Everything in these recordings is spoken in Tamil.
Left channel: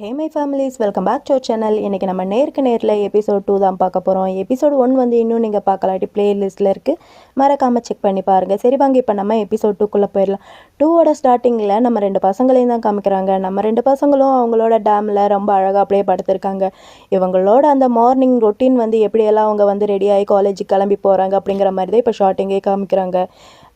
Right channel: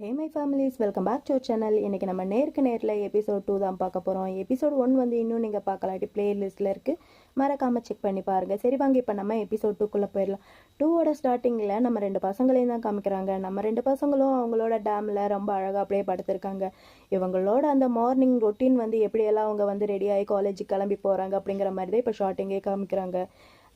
Hey my families welcome back to channel இன்றைக்கி நம்ம நேருக்கு நேரில் எபிசோட் டூ தான் பார்க்க போகிறோம் எபிசோட் ஒன் வந்து இன்னும் நீங்கள் பார்க்கலாட்டி ப்ளேலிஸ்ட்டில் இருக்குது மறக்காமல் செக் பண்ணி பாருங்கள் சரி வாங்க இப்போ நம்ம எபிசோட் டூக்குள்ளே போயிடலாம். டூவோட ஸ்டார்டிங்கில் நம்ம ரெண்டு பசங்களையும் தான் காமிக்கிறாங்க. நம்ம ரெண்டு பசங்களும் அவங்களோட டேமில் ரொம்ப அழகாக அப்படியே படுத்திருக்காங்க. இவங்களோட அந்த மார்னிங் ரொட்டீன் வந்து எப்படியெல்லாம் அவங்க வந்து ரெடியாகி காலேஜுக்கு கிளம்பி போகிறாங்க அப்படிங்கிற மாதிரி தான் இப்போ ஷார்ட்டிங்கே காமிக்கிறாங்க.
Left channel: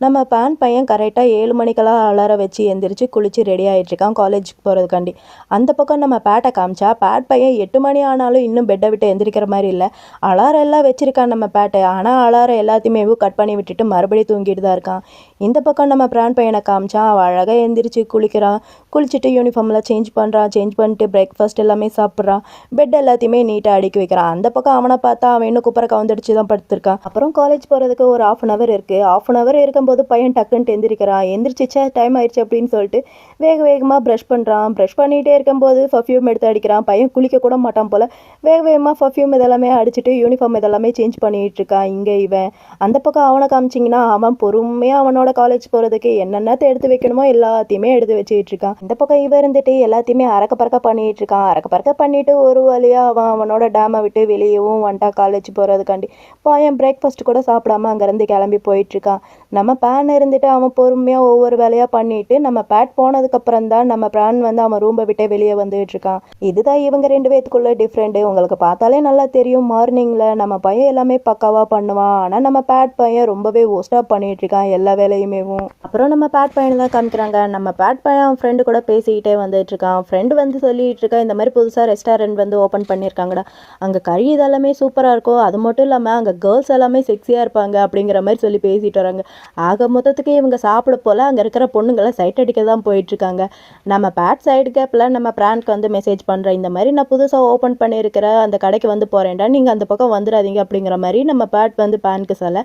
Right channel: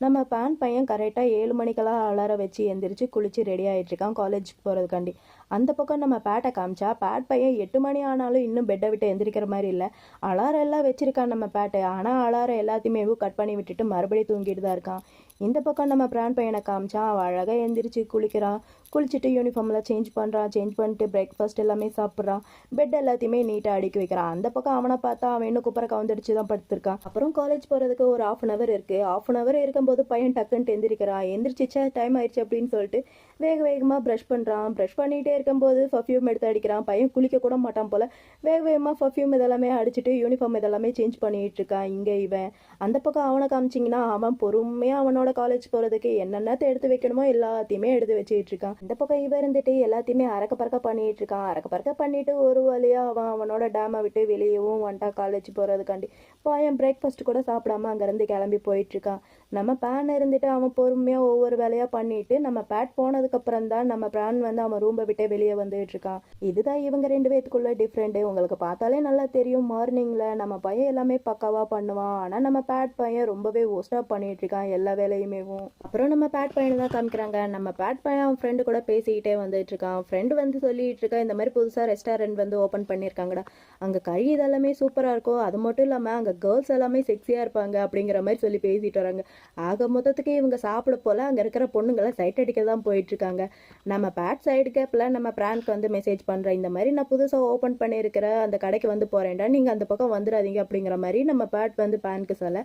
நம்ம பேன் பையன் கரெக்டாக ஏழு மணிக்கெல்லாம் அலார வச்சு எந்திரிச்சு குளிச்சு ரெடி ஆகிட்டுருக்கான் காலேஜுக்கு போகிறதுக்காண்டி அந்த பக்கம் நம்ம பேட்டை காமிச்சா பேட் பையன் எட்டு மணி ஆனாலும் இன்னும் பெட்டை விட்டு எந்திரிக்கிற மாதிரி இல்லை. அலாரம் எல்லாம் வச்சுருக்கான் நம்ம பேட்டை ஆனால் அலாரம் எல்லாத்தையுமே கட் பண்ணி விட்டுட்டு மறுபடியும் தூங்கிட்டு தான் இருக்கான். இந்த பக்கம் நம்ம பிரான் பையனை காமிச்சா அவள் அழகாக எழுந்திரிச்சு குளிக்கிறான் குளிச்சுட்டு யூனிஃபார்மில் சேஞ்ச் பண்ணுறான் சேஞ்ச் பண்ணிட்டு பிரேக்ஃபாஸ்ட் எல்லாமே சாப்பிட்றான் பெட் எல்லாத்தையுமே நீட்டாக அடுக்கி வைக்கிறான் அந்த பக்கம் அவனை பார்த்தா அவன் இன்னும் குப்பரை கவுந்தடிச்சு தான் படுத்திருக்கான் அப்புறம் காலேஜ் போகிறதுக்கு ஒரு ஆஃப் அன் ஹவர் இருக்குது ஆஃப் அன் ஹவர் இருக்கும்போது பையன் டக்குன்ட்டு எந்திரிக்கிறான் எந்திரிச்சிச்சா டைம் ஆயிடுச்சு அப்படின்னு சொல்லிட்டு வேக வேகமாக ப்ரஷ் பண்ணுறான் ப்ரஷ் பண்ணிகிட்டே இருக்கும்போது பர்ஃப்யூம் எடுத்து அடிக்கிறான். பையன் குளிக்க கூட மாட்டான் போல். வேக வேகமாக பர்ஃப்யூம் இதெல்லாமே அடிச்சுட்டு யூனிஃபார்ம் இதெல்லாமே சேஞ்ச் பண்ணிகிட்டு இருக்கான் இங்கே இவன். அந்த பக்கம் அவனை காமிச்சிங்கன்னா அவன் பொறுமையாக அவனோட காலேஜ் போகிறதுக்கு என்னென்னத்தை எடுத்து வைக்கணுமோ எல்லாத்தையுமே எடுத்து வச்சுக்கிட்டு இருக்கான். இந்த பக்கம் இவன் இருந்துட்டு எல்லாத்தையுமே அறக்க பறக்க பண்ணிகிட்டு இருக்கான். அறக்க பறக்க பண்ணிட்டு ஒரு வழியாக அவன் அவனோட டேமை விட்டு வெளியவும் வந்துட்டான் காலேஜ் போகிறதுக்காண்டி பையன் பிரேக்ஃபாஸ்ட் கூட சாப்பிடாம அங்கேருந்து கிளம்பி போயிட்டுருக்கான் நம்ம பேன் இருந்துட்டு அவன் பொறுமையாக ஒவ்வொரு வேலையாக பண்ணிவிட்டு நம்ம பேட் போனது போனதுக்கப்புறம் தான் நம்ம பிரான் வந்து அவன் ரூமை விட்டே வெளியே வந்துகிட்டு இருக்கான் இதுதான் இவங்க ரெண்டு பேத்துக்குள்ள டிஃப்ரெண்ட்டு உங்களுக்கு பார்த்தாலே நல்லா தெரியும். மார்னிங்கில் நம்ம பையன் எல்லாமே பக்காவாக பண்ணுவான். ஆனால் நம்ம பேட் பையன் ரொம்பவே ஓஸ்டாக பண்ணிட்டு இருக்கான் எல்லா வேலையுமேவும். அப்புறம் நம்ம பேட் பையனை தான் காமிக்கிறாங்க. நம்ம பேட் பையன் அவன் ஃப்ரெண்டு கூட பேசிக்கிட்டே வந்துட்டு இருக்கான் ஃப்ரெண்டு வந்து சொல்லிட்டு இருக்கா இந்த மாதிரி புதுசாக ரெஸ்டாரண்ட் வந்து ஓப்பன் பண்ணியிருக்காங்கடா. அங்கே கறி இதெல்லாமே சூப்பராக இருக்கும். அது மட்டும் இல்லாமல் அங்கே கேர்ள்ஸ் எல்லாமே செக்ஸியாக இருப்பாங்க அப்படிங்கிற மாதிரி சொல்லி பேசிட்டு வராங்க. ஆக மொத்தத்துக்கு இவங்க சாப்பிட போல் அங்கே இருக்கிற பொண்ணுங்களை சைட் அடிக்க தான் போயிட்டுருக்காங்க நம்ம பேட் சைடு கேப்பில் நம்ம பிரான்க்கு வந்து மெசேஜ் பண்ணுறேன் இந்த மாதிரி நான் புதுசாக ஓப்பன் பண்ணியிருக்கிற அந்த கடைக்கு வந்து போகிறேன்டா நீங்கள் அந்த பக்கம் வந்துடாதீங்க அப்படிங்கிற மாதிரி நம்ம பேட் வந்து பேனுக்கு சொல்ல.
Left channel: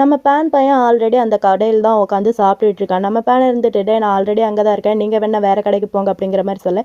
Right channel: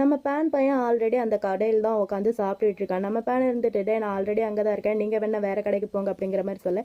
நம்ம பேன் பையன் ஆல்ரெடி அந்த கடையில் தான் உட்காந்து சாப்பிட்டுட்ருக்கான். நம்ம பேன் இருந்துட்டு நான் ஆல்ரெடி அங்கே தான் இருக்கேன். நீங்கள் வேணால் வேறு கடைக்கு போங்க அப்படிங்கிற மாதிரி சொல்ல.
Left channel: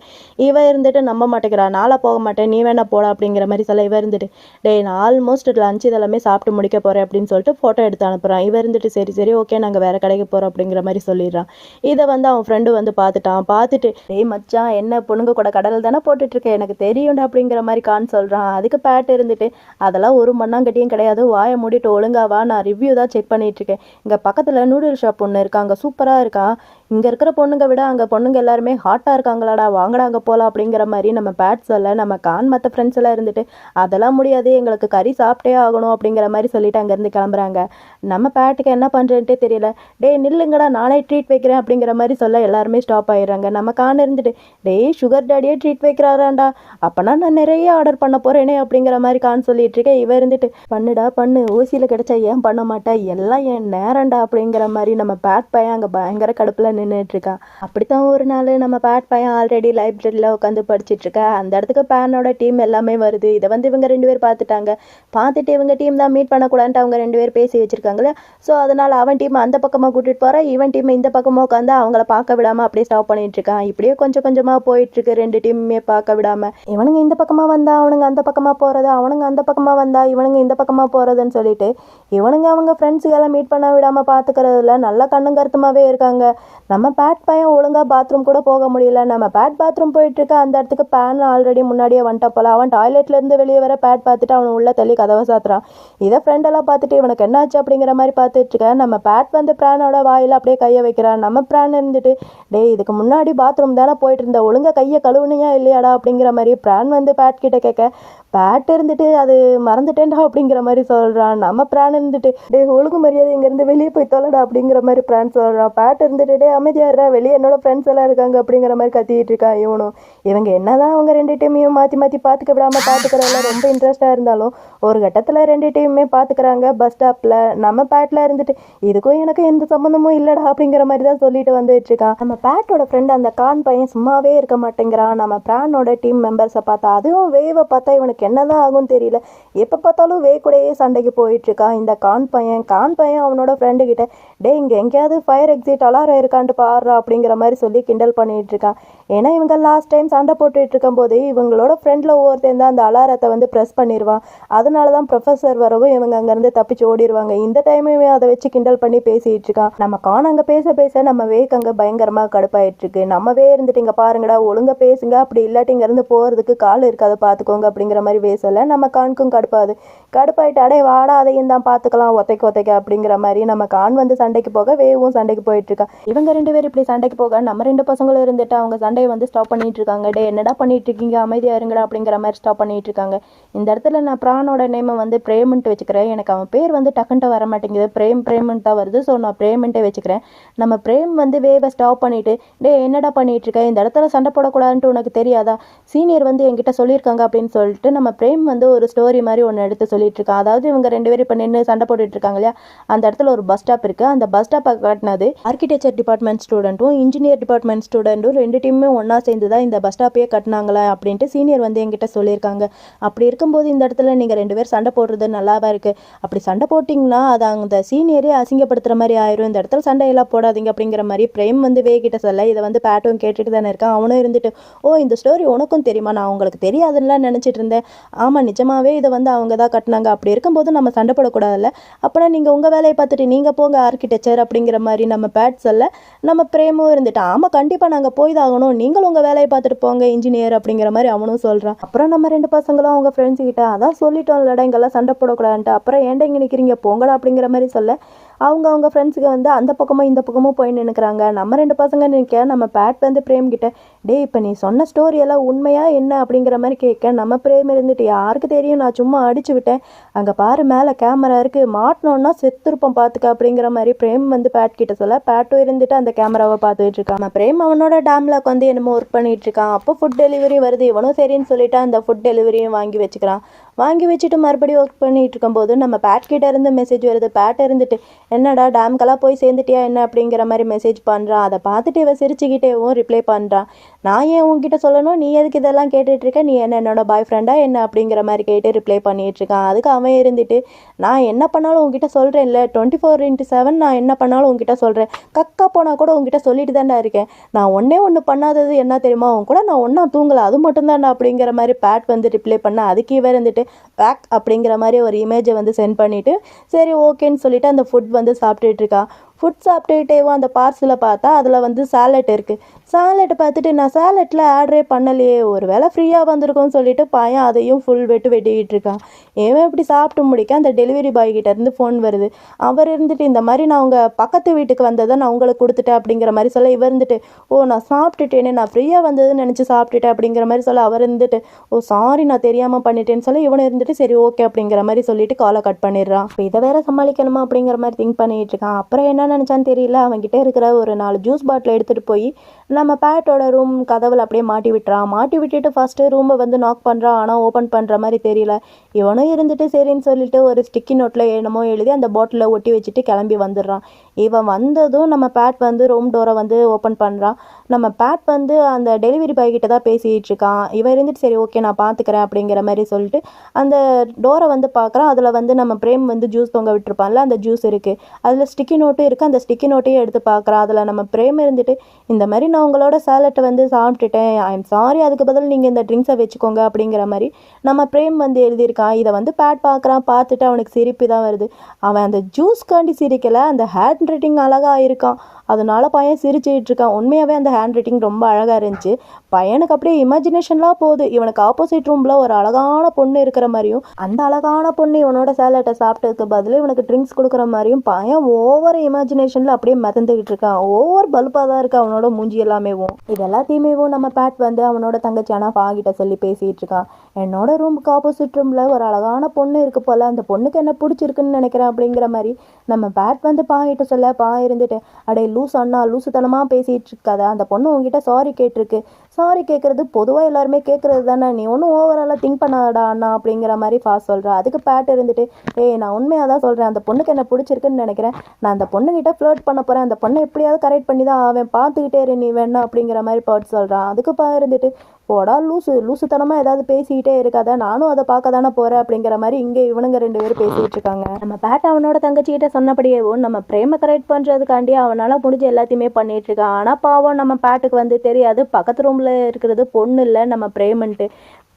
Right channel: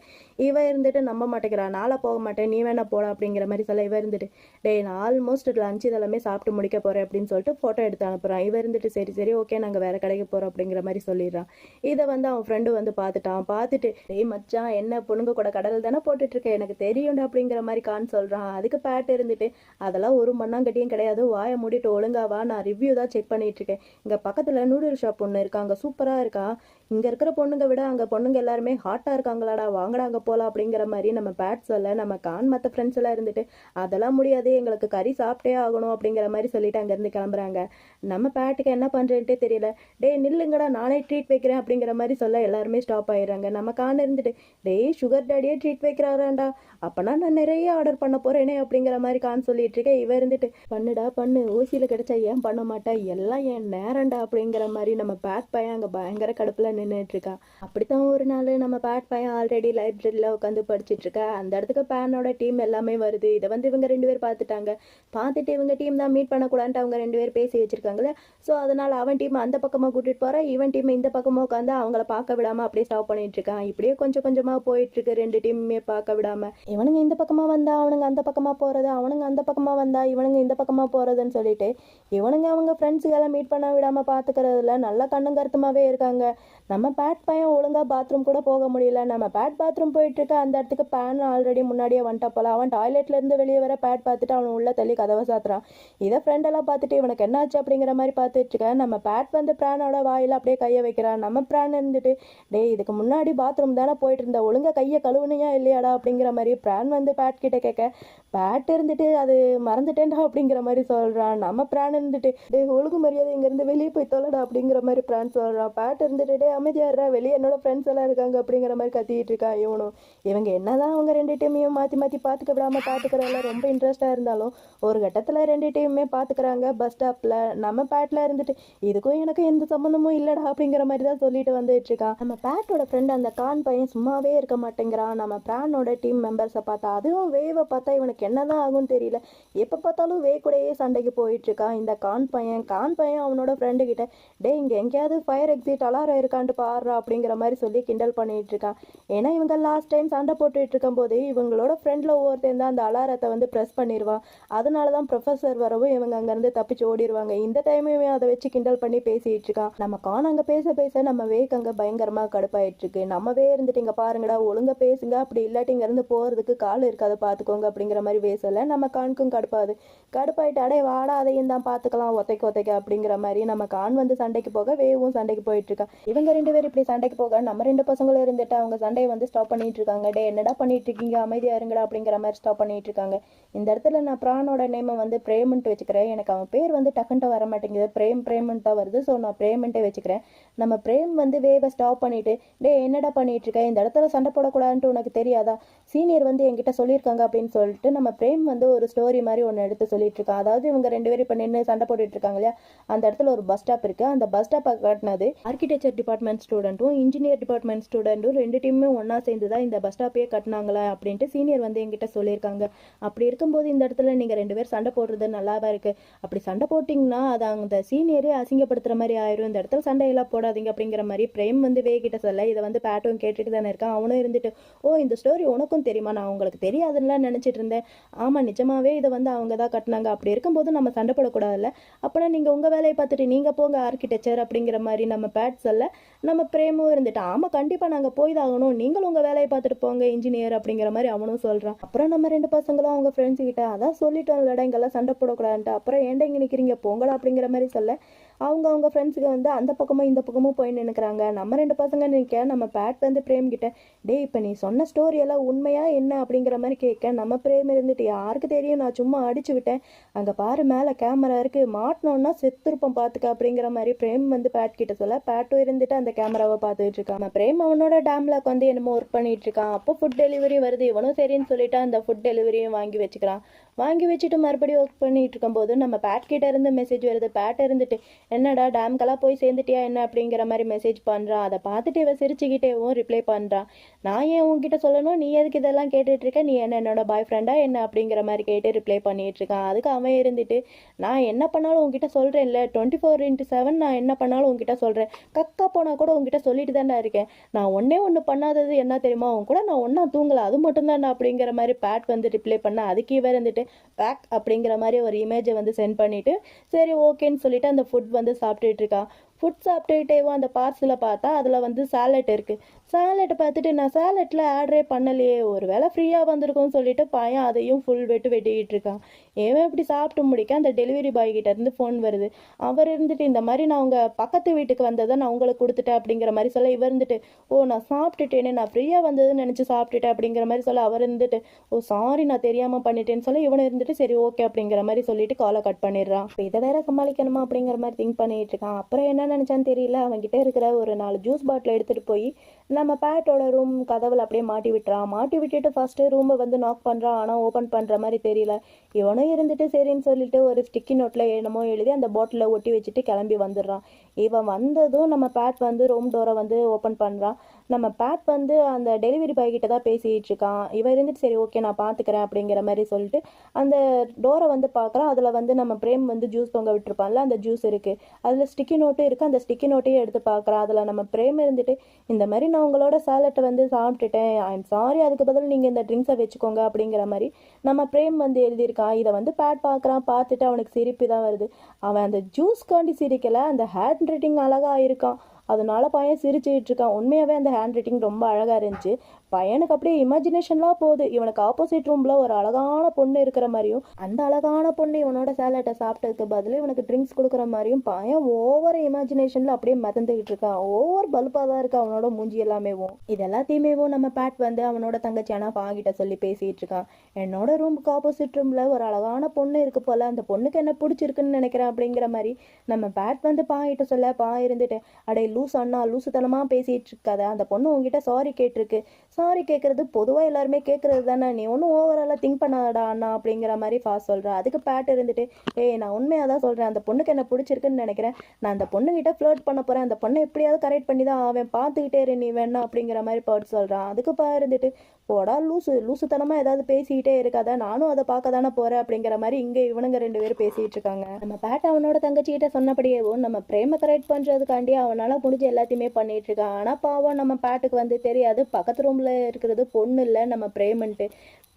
இவன் இருந்துட்டு நம்ப மாட்டேங்கிறா. நாளாக போக மாட்டேன். நீ வேணால் போடா அப்படிங்கிற மாதிரி சொல்ல. இவன் இருந்துட்டு டே நான் ஆல்மோஸ்ட் லஞ்ச் இதெல்லாமே சாப்பிட்டு முடிக்க போகிறேன் அப்படின்னு சொல்லிட்டு ஃபோட்டோ எடுத்து அனுப்புகிறான் இவன் இருந்துட்டு சரி சரி ஓகே நாங்கள் வேறு கடைக்கு போகிறோம் அப்படிங்கிற மாதிரி சொல்லிடுறான். இதை வந்து அவன் ஃப்ரெண்டு வந்து பார்த்துட்டான். பார்த்துட்டு ஏய் மச்சான் என்ன பொண்ணுங்க கூட கடல் தானே போட்டுட்ருக்கேன் எனக்கு தெரியும்டா அப்படிங்கிற மாதிரி கான் சொல்கிறான் அதுக்கு பேட் இருந்துட்டு அதெல்லாம் ஒரு மண்ணாங்கட்டியும் கிடையாது. வாயை மூடிட்டு ஒழுங்காவா நான் ரிவ்யூ தான் செக் பண்ணிட்டு இருக்கேன் இங்கே பக்கத்தில் நூடுல் ஷாப் ஒன்று இருக்கா. அங்கே சூப்பராக இருக்கா? இங்கே இருக்கிற பொண்ணுங்க விட அங்கே பொண்ணுங்க எல்லாருமே ஹாட்டாக இருக்காங்களாடா வாங்கடா அங்கே போகலாம் அப்படிங்கிற மாதிரி நம்ம பேட் சொல்ல நம்ம கான் மற்ற ஃப்ரெண்ட்ஸ் எல்லாம் இருந்துட்டு அதெல்லாம் முடியாது எங்களுக்கு கறி சாப்பிட்டே ஆகணும் அப்படிங்கிற மாதிரி சொல்லிட்டு அங்கேருந்து கிளம்புறாங்க. நம்ம பேட்டுக்கு என்ன பண்ணுறேன்ட்டே தெரியல. டேய் நில்லுங்கடா நானே ட்ரீட் வைக்கிறேன் அப்படிங்கிற மாதிரி சொல்ல எல்லாருமே ஸ்டாப் ஆயிடுறாங்க. நம்ம கான் இருந்துட்டு டேய் சுகர் டாடியே ட்ரீட் வைக்கிறாராண்டா அப்போனா நான் நிறைய ஆர்டர் பண்ண போகிறேனே அப்படிங்கிற மாதிரி கான் சொல்லிட்டு இருக்கேன் இவன் இருந்துட்டு பண்ணுடா பண்ணு ஊசியில் கிடைச்சா ஏன் பண்ண மாட்டேன் எல்லாம் என் நேரம்டா அப்படிங்கிற மாதிரி நம்ம பேட் பையன் அங்கே பயங்கர கடுப்பில் நின்றுட்டு அப்படி அப்படித்தான் ஒரு நாள் நம்ம பேட் பையன் ஆல்ரெடி லைப்ரரியில் உட்காந்து படிச்சிட்டு இருக்கா அந்த இடத்துக்கு பேனோட டீம் எல்லாமே வருது. இதை வந்து இவங்க ரெண்டு பேர் பார்த்துட்டாங்க பார்த்துட்டு இவங்க டீம் தான் மீட் பண்ணக்கூடாதுன்ட்டு அவங்க ரெண்டு பேர் பேசி வச்சிருக்காங்களே ஸோ அதனால் அவன் டீம் அந்த பக்கமாக கூட்டிகிட்டு போகிறான் இவன் டீம் இந்த பக்கமாக உட்காந்து அவங்கள பார்க்க விடாமல் அப்படியே ஸ்டாப் பண்ணிட்டு இருக்கான் இப்படியே கொஞ்சம் கொஞ்சமாக போயிட்டுருக்கு ரெண்டு டீமுமே பார்க்க விடாமல் இவனுங்க இந்த பக்கமாக வந்தா அவனுங்க அந்த பக்கமாக போகிறது அவனுங்க அந்த பக்கமாக வந்தா இவனுங்க இந்த பக்கமாக போகிறதுன்னு சொல்லிட்டு இவனுங்க அவங்க ஃப்ரெண்ட்ஸுகளை மீட் பண்ண விடாமல் பார்த்துக்கிறதுல நல்லா கண்ணும் கருத்துமாகவே இருக்காங்க. நம்ம பேட் பையன் ஒழுங்காக பாத்ரூம் கூட போக முடியல. நம்ம பேட் பாத்ரூம் போயிட்டுருக்க அந்த இடத்துக்கு பேன் ஆல்ரெடி முன்னாடியே வந்துட்டா போல. அவன் டாய்லெட்லேருந்து வெளியே வர பேட் பார்த்துட்டு அவன் உள்ள தள்ளி கதவை சாத்துறான். இதை ஃப்ரெண்டெல்லாம் பார்த்துட்டு இவனுக்கு என்னாச்சு? அப்படிங்கிற மாதிரி பார்த்துட்டு நம்ம பேட் வந்து பிரானோட வாயில் அப்படியே கையை வைக்கிறான். நம்ம பிரான் இருந்துட்டு டே இதுக்கு முன்னாடி பாத்ரூம் தானே போயிட்டு இருந்த ஒழுங்காக கையை கழுவுனியா இல்லையாடா? அப்படிங்கிற மாதிரி பிரான் வந்து பேட் கிட்ட கேட்க பேட் இருந்துட்டு அது மறந்துட்டேன்டா? அப்படிங்கிற மாதிரி சொல்கிறான் நம்ம பிரான் இருந்துட்டு டே ஒழுங்கு மரியாதை இங்கேருந்து வெளியே போய் தொலைடா. அப்படிங்கிற மாதிரி பிரான் சொல்கிறான் பேட் இருந்துட்டு டே அமைதியாடுறா வெளியே என்னோட ஃப்ரெண்ட்ஸ் எல்லாம் இருக்காங்க அப்படிங்கிற மாதிரி கத்திட்டு இருக்கான் இவனும். இவங்க என்னதான் அவங்க ரெண்டு டீமையும் மாற்றி மாற்றி பார்த்துக்க விடாமல் பார்த்துக்கிறதுல ரொம்ப இன்ட்ரெஸ்ட்டாக இருந்தாலும் ஒரு கட்டத்தில் ரெண்டு டீமுமே பார்த்துக்கிறாங்க பஸ் ஸ்டாப்பில் நம்ம பேட்டில் இருந்துட்டு இதுக்கும் எனக்கும் எந்த சம்மந்தமும் இல்லைடா அப்படிங்கிற மாதிரி தான் சொல்லிட்டு வந்துட்டு இருக்கான். நம்ம பேட்டோட ஃப்ரெண்ட் அந்த கான் பையன் சும்மாவே இருக்க மாட்டேங்கிறான். நம்ம பிரானோட டீம் மெம்பர்ஸை பார்த்தா அதுவும் வேவை பார்த்தா இவனுக்கு என்னதான் ஆகும்னு தெரியல. எப்போ பார்த்தாலும் வே கூடயே சண்டைக்கு போயிட்டு இருக்கான். இந்த கான் பையன் கான் பையன் அவனோட ஃப்ரெண்டு கிட்ட டே இங்கே எங்கேயாவது ஃபயர் எக்ஸிட் அலாரம் இருக்கான் கொண்டு பாடுறா அப்படிங்கிற மாதிரி சொல்லி கிண்டல் பண்ணிகிட்டு இருக்கான் ஏன்னா இவங்க லாஸ்ட் டைம் சண்டை போட்டுட்டு இருக்கும்போது இவங்களோட ஃப்ரெண்டில் ஒவ்வொருத்தன் தான் அந்த அலாரத்தை வந்து ப்ரெஸ் பண்ணிடுவான். அதனால தான் ப்ரொஃபஸர் வரவும் இவங்க அங்கேருந்து தப்பிச்சு ஓடிடுவாங்க. இந்த டைமும் அதை வச்சு கிண்டல் பண்ணி பேசிகிட்டு இருக்கான். நம்ம கான் அங்கே பேச பேச நம்ம வேக் அங்கே பயங்கரமாக கடுப்பாயிட்டு இருக்கு. நம்மவே இருந்துட்டு இங்கே பாருங்கடா ஒழுங்காக பேசுங்க. அப்படி இல்லாட்டி இங்கேருந்து போகிறதுக்கு கால் இருக்காது பார்த்துக்கோங்க அப்படிங்கிற மாதிரி பேசலை. நம்ம கானுக்கும் கடுப்பாது கடுப்பாயிட்டு அடே வாடா அதையும் தான் பார்த்துக்கலாம். ஒத்தைக்கு ஒத்தைக்க அப்படிங்கிற மாதிரி நம்ம கான் வந்து சண்டைக்கு போக வேவும் சண்டைக்கு போயிட்டு இருக்கா. இவங்க ரெண்டு பேரும் இப்படி சண்டைக்கு போக நம்ம ரெண்டு பசங்களும் இருந்துட்டு அவங்க சண்டையை வந்து ஸ்டாப் பண்ணிட்டு இருக்காங்க. டே என்னடா பண்ணிட்டு இருக்கீங்க? அமைதியா இருங்கடா அப்படிங்கிற மாதிரி ஸ்டாப் பண்ணிட்டு இருக்காங்க. இந்த இடத்துல நான் பிரானோட நேமை வந்து பிரேமன்ட்டு வச்சுக்கிறேன். எனக்கு அவன் பேர் வந்து டக்குன்ட்டு வர மாட்டேங்குது. பிரேம் பிரேமன்ட் தான் வருது. ஸோ நான் பிரேமன்ட்டே வச்சுக்கிறேன். நம்ம பிரேம் வந்து வேவை ஸ்டாப் பண்ணிட்டு டே என்னடா பண்ணிட்டு இருக்க? இந்த இடத்துல சண்டை போடக்கூடாதுன்ட்டு உனக்கு தெரியாதா? சீனியர் வந்து என்கிட்ட சொல்லியிருக்காங்க அப்படின்னு சொல்லிட்டு நம்ம பிரேம் வந்து ஒரு ஸ்டோரி மாதிரி ஒன்று எடுத்து சொல்லிட்டு இருக்கான். அதாவது இவங்க ரெண்டு பேரும் இப்போ நின்று சண்டை போட்டுட்டு இருக்காங்க இல்லையா? அந்த இடத்துல ஒரு பஸ் ஸ்டாப் இருக்கு. அந்த பஸ் ஸ்டாப்பை காட்டினது ஆர்கிடெக்சர் டிபார்ட்மெண்ட் ஸ்டூடெண்ட்டும் இன்ஜினியர் டிபார்ட்மெண்ட் ஸ்டூடெண்ட்டும் ரெண்டு டீமுமே ஒன்றா சேர்ந்து தான் இந்த பஸ் ஸ்டாப்பையே கட்டினாங்களா அப்படின்ட்டு சீனியர் வந்து என்கிட்ட சொல்லியிருக்காங்க. அப்படி இருக்கும்போது இந்த இடத்துல நீங்கள் ரெண்டு பேர் சண்டை போடுறது நல்லாவா இருக்குது அப்படி சண்டை போட்டிங்கன்னா அது அந்த சீனியரே அசிங்கப்படுத்துற மாதிரி ஆயிரும். இந்த இடத்துல சண்டையெல்லாம் போடாதீங்க அப்படிங்கிற மாதிரி பிரேம் வந்து வேகிட்ட சொல்ல இதை வந்து பேட்டும் கேட்டுட்டு தானே இருக்கான். அவனும் இருந்துட்டு ஓ இந்த ஸ்டோரி உனக்கும் தெரியுமா? நான் உங்களுக்கு தெரியாதுன்னுலாம் நினச்சிட்டு இருந்தேன். ஆமாம் நிஜமாகவே இதை வந்து அவங்க தான் கட்டினாங்க. அப்படி இருக்கும்போது நம்ம சண்டை போடக்கூடாதுல்ல. அப்போனா நீங்கள் உங்கள் வேலையை பார்த்துட்டு நீங்கள் போங்க ஆர்கிடெக்சர் அப்படிங்கிற மாதிரி நம்ம பேட் சொல்ல நம்ம பிரேமும் இருந்துட்டு. ஆமாம் கண்டிப்பாக நாங்கள் போய் தான் ஆகணும். நீங்களும் உங்கள் வேலையை பார்த்துட்டு போங்க இன்ஜினியர் அப்படிங்கிற மாதிரி அவனும் சொல்கிறான் அப்புறம் நம்ம ரெண்டு பசங்களும் அவங்க ஃப்ரெண்ட்ஸ் கிட்ட அதான் சொல்லிட்டோம் இல்லடா இங்கெல்லாம் சண்டை போடக்கூடாதுன்ட்டு. அப்புறம் ஏன்டா இங்கே நிற்கிறீங்க போங்கடா அப்படிங்கிற மாதிரி சொல்ல அவங்க அவங்க ஃப்ரெண்ட்ஸுக்கு வந்து அந்த பக்கமும் இந்த பக்கமும் போய் நினைக்கிறாங்க நம்ம ரெண்டு பசங்க நிற்க நம்ம பேட் வந்து பிரேம் கிட்ட டே இப்போ நீ சொன்ன ஸ்டோரி எல்லாம் உண்மையாக என்ன? அப்படிங்கிற மாதிரி கேட்க நம்ம பிரேம் இருந்துட்டு யாருக்கு தெரியும்? நான் சும்மா அடிச்சு விட்டேன். அங்கே பாரு மேலே கேமரா இருக்குது மாட்டினோன்னா செத்துருப்போம் பார்த்துக்க அப்படிங்கிற மாதிரி பிரேம் வந்து பேட் கிட்ட சொல்ல பேட்டும் இருந்துட்டு அந்த கேமராவை பார்த்துட்டு இருக்கான் பிரேம் அவனோட டேம்ல வந்து என்னமோ ஒர்க் பண்ணிட்டு இருக்கான் அப்போ ஃபுட் டெலிவரி வருது. இவனும் சரின்னு சொல்லிட்டு அந்த ஃபுட் டெலிவரியும் வாங்கி வச்சுக்கிறான். வாங்கி வச்சுட்டு மறுபடியும் ஒர்க் பண்ணிகிட்டு இருக்கும்போது நம்ம பேட் கிட்ட இருந்து மெசேஜ் வருது. பேட் இருந்துட்டு என்னடா டேம்க்கெல்லாம் போய் சேர்ந்துட்டியா? என்ன? அப்படிங்கிற மாதிரி மெசேஜ் பண்ணுறான் அதை பார்த்துட்டு இவன் சிரிச்சுக்கிட்டேவும் ரிப்ளை பண்ணுறான் நான் ஏன் உன்கிட்ட சொல்லணும்? நீ எதுக்கு இதெல்லாம் கேட்டுட்ருக்க நீ என்ன என்னோட பாய் ஃப்ரெண்டா என்ன? அப்படிங்கிற மாதிரி கேட்டு ரிப்ளை பண்ணிகிட்ருக்கான் அதுக்கு அவன் இருந்துட்டு நான் என்ன பண்ணாலும் உங்ககிட்ட சொல்கிறேன் இல்லை டுவெண்ட்டி ஃபோர் இன்ட்டு செவன் நான் என்ன பண்ணாலும் உங்ககிட்ட சொல்கிறேன் கக்கா போனால் கூட உங்ககிட்ட சொல்லிட்டு தான்டா இருக்கேன். நான் ஒன்றே ஒன்று பண்ணாதது என்ன தெரியுமா? அவன் கூட நான் ஒன்றா தூங்கலை. அது மட்டும்தான்டா. அப்படிங்கிற மாதிரி பேட் வந்து ரிப்ளை பண்ண அதுக்கு இவர் இருந்துட்டு பேக் அப்படிங்கிற மாதிரி ஒரு இமேஜை வந்து சென்ட் பண்ணிவிட்டு சரி ஓகேன்னு சொல்லிட்டு அந்த ஃபுட் வந்து சாப்பிட்டுட்டு இருக்கா. ஃபுட் சாப்பிட்டுக்கிட்டேவோ அந்த பார்சலை பார்த்தா அதில் வந்து சாலட் இருக்குது சாலட் பார்த்துட்டு நான் சாலட்டில் ஆர்டரே பண்ணலையே ஒரு வேளை ஃப்ரீயாக வந்திருக்கும்னு சொல்லிட்டு பையன் அதையும் ஃபுல் வெட்டு வெட்டிக்கிட்டு இருக்கான். ஏன் இப்படி சாப்பிட்டு முடிக்க அந்த டெலிவரி பாய் கிட்டேருந்து ஃபோன் வருது. அவர் இருந்துட்டு இந்த மாதிரி நான் உங்கள் பக்கத்து வீட்டுக்கு வந்ததை நான் உங்களுக்கு கொடுத்துட்டேன் அப்படிங்கிற மாதிரி சொல்ல இவர் இருந்துட்டு ஓ நான் சாப்பிட்டுட்டேனே நான் ஃப்ரீயாக வந்ததுன்னு நினச்சி சாப்பிட்டுட்டேன் அப்படிங்கிற மாதிரி சொல்ல அவர் இருந்துட்டு ஓ சாரி நான் தெரியாமல் பண்ணிட்டேன்னு சொல்ல இவன் இருந்துட்டு சரி ஓகே அப்படிங்கிற மாதிரி சொல்லிட்டு காலை கட் பண்ணிடுறான். இப்போ இதை வேற சமாளிக்கணுமா அப்படிங்கிற மாதிரி திங்க் பண்ணிட்டு இருக்கான். அப்புறம் என்ன நினச்சான்னு தெரியல. அவன்கிட்ட இருக்கிற ஒரு நாலு ஜூஸ் பாட்டில் எடுத்துகிட்டு போய் நம்ம பேட்டோட ரூம் கதவில் அப்படியே மாட்டி விட்டுறான். மாட்டி விட்டுட்டு ஃபஸ்ட்டு ரூமை வந்து நாக் பண்ணுறான் ஆனால் ஓப்பன் பண்ணுற மாதிரி தெரியல. இவனும் இருந்துட்டு சரின்னு சொல்லிட்டு ஒரு ஸ்டிக்கி நோட்டில் என்னமோ எழுதி அந்த பாட்டிலில் ஒட்டி வச்சுட்டு கிளம்பி வந்துடுறான். இவன் வந்ததும் நம்ம பேட் வந்து ரூம் டோரை வந்து ஓப்பன் பண்ணுறான் நம்ம பேட் வந்து அந்த டெலிவரி பாய் கிட்ட தான் பேசிகிட்டு இருக்கான் இவன் இருந்துட்டு சரி ஓகே நான் பார்த்துக்கிறேன் அப்படிங்கிற மாதிரி சொல்லிட்டு அந்த டோரை வந்து பார்க்குறான் அதில் வந்து நம்ம பிரேம் வந்து ஜூஸ் தொங்க விட்டுருப்பான்ல அந்த ஜூஸ் இருக்குது அதில் ஸ்டிக்கி நோட்டும் இருக்குது அந்த ஸ்டிக்கி நோட்டையும் எடுத்து பார்க்குறான் அதில் நம்ம பிரேம் இருந்துட்டு இந்த மாதிரி நான் உங்களோட சேலட்டை வந்து சாப்பிட்டுட்டேன். ஐ எம் சாரி அதுக்கு பதில் நீங்கள் இந்த ட்ரிங்க்ஸை வச்சுக்கோங்க அப்படிங்கிற மாதிரி நம்ம பிரேம் வந்து எழுதியிருக்கான். இதை வந்து பேட் பார்க்குறான் பார்த்துட்டு அவனுக்கு சிரிப்பு தான் வருது. அவன் அந்த ஜூஸ்காண்டி சிரிக்கலை. அந்த ஹேண்ட் ரைட்டிங் அழகாக இருக்கான். அதனால பையன் சிரிச்சுட்டு இருக்கான் உண்மையாகவே அந்த ஹேண்ட் ரைட்டிங் ரொம்ப அழகாக இருந்துச்சு. பையனுக்கு அப்படியே இமேஜினேஷன்லாம் போகுது. இவனுக்கு ஆப்போசிட் ரூமில் ஒரு அழகான பொண்ணு இருக்கிற மாதிரியும் அந்த அழகான பொண்ணு இவனோட சேலட்டை சாப்பிட்டதுக்கு பதில் இவனுக்கு ட்ரிங்க்ஸ் கொடுக்குற மாதிரியும் பையன் ஓவர் இமேஜினேஷனில் அப்படியே மிதந்துக்கிட்டு இருக்கான். ஓவர் பல்பாக தான் இருக்கு அவனோட மூஞ்சி எல்லாமேவும். இது எல்லாத்தையுமேவும் நம்ம பேட் வந்து அவனோட தங்கச்சியான பாகிட்ட சொல்லி பேசிகிட்டு இருக்கான் என்னோட ரூமுக்கு ஆப்போசிட் ரூமில் ஒரு அழகான பொண்ணு இருக்கு போல். அந்த பொண்ணுக்கு என்ன பிடிச்சிருக்குன்னு நினைக்கிறேன் அப்படிங்கிற மாதிரி நம்ம பேட் வந்து பாயிட்ட சொல்ல பா இருந்துட்டு அடே லூஸ் அண்ணா லூசுத்தனமாக பேசிகிட்டு இருக்காத. அந்த பொண்ணு உங்ககிட்ட சாரி கேட்டிருக்கு. சாரி கேட்குறது பொதுவாக எல்லாருமே கேட்குறது தானே. நீ ஒன்றும் ஓவராலாக திங்க் பண்ணாதடா அண்ணா அப்படிங்கிற மாதிரி ஃபாஸ்ட் சொல்கிறேன் அதுக்கு பேட் இருந்துட்டு ஏய் நான் உண்மையாக தான் சொல்கிறேன் அந்த பொண்ணுக்கு என்ன பிடிச்சிருக்குன்னு நினைக்கிறேன். நான் அந்த பொண்ணுக்கிட்ட ஃப்ளோட் பண்ண போகிறேன் அந்த பொண்ணை எப்படியாவது கரெக்ட் பண்ணி தான் அவன் பார்த்துக்கிட்டே இரு நீ வேணா அப்படிங்கிற மாதிரி பாட் சொல்கிறான் அதுக்கு பா இருந்துட்டு போடா லூசு லூசுத்தனமாக ஏதாவது பேசிக்கிட்டே இருக்காத நானும் அதை பார்க்க தானே போகிறேன் அப்படிங்கிற மாதிரி இங்கே இவனுங்க ரெண்டு பேரும் பேசிகிட்டு இருக்காங்க. நம்ம பேட் அவனோட தங்கச்சிக்கிட்ட சொன்னபடியேவும் நம்ம பிரேம கரெக்ட் பண்ணுறதுக்காண்டி அவனால் முடிஞ்ச எல்லாத்தையுமே பண்ணிட்டு இருக்கான் ஆனால் பாவம் நம்ம பேட்டுக்கு வந்து தெரியாது. பக்கத்து ரூமில் இருக்கிறது பொண்ணு இல்லை நம்ம பிரேமன்ட்டு.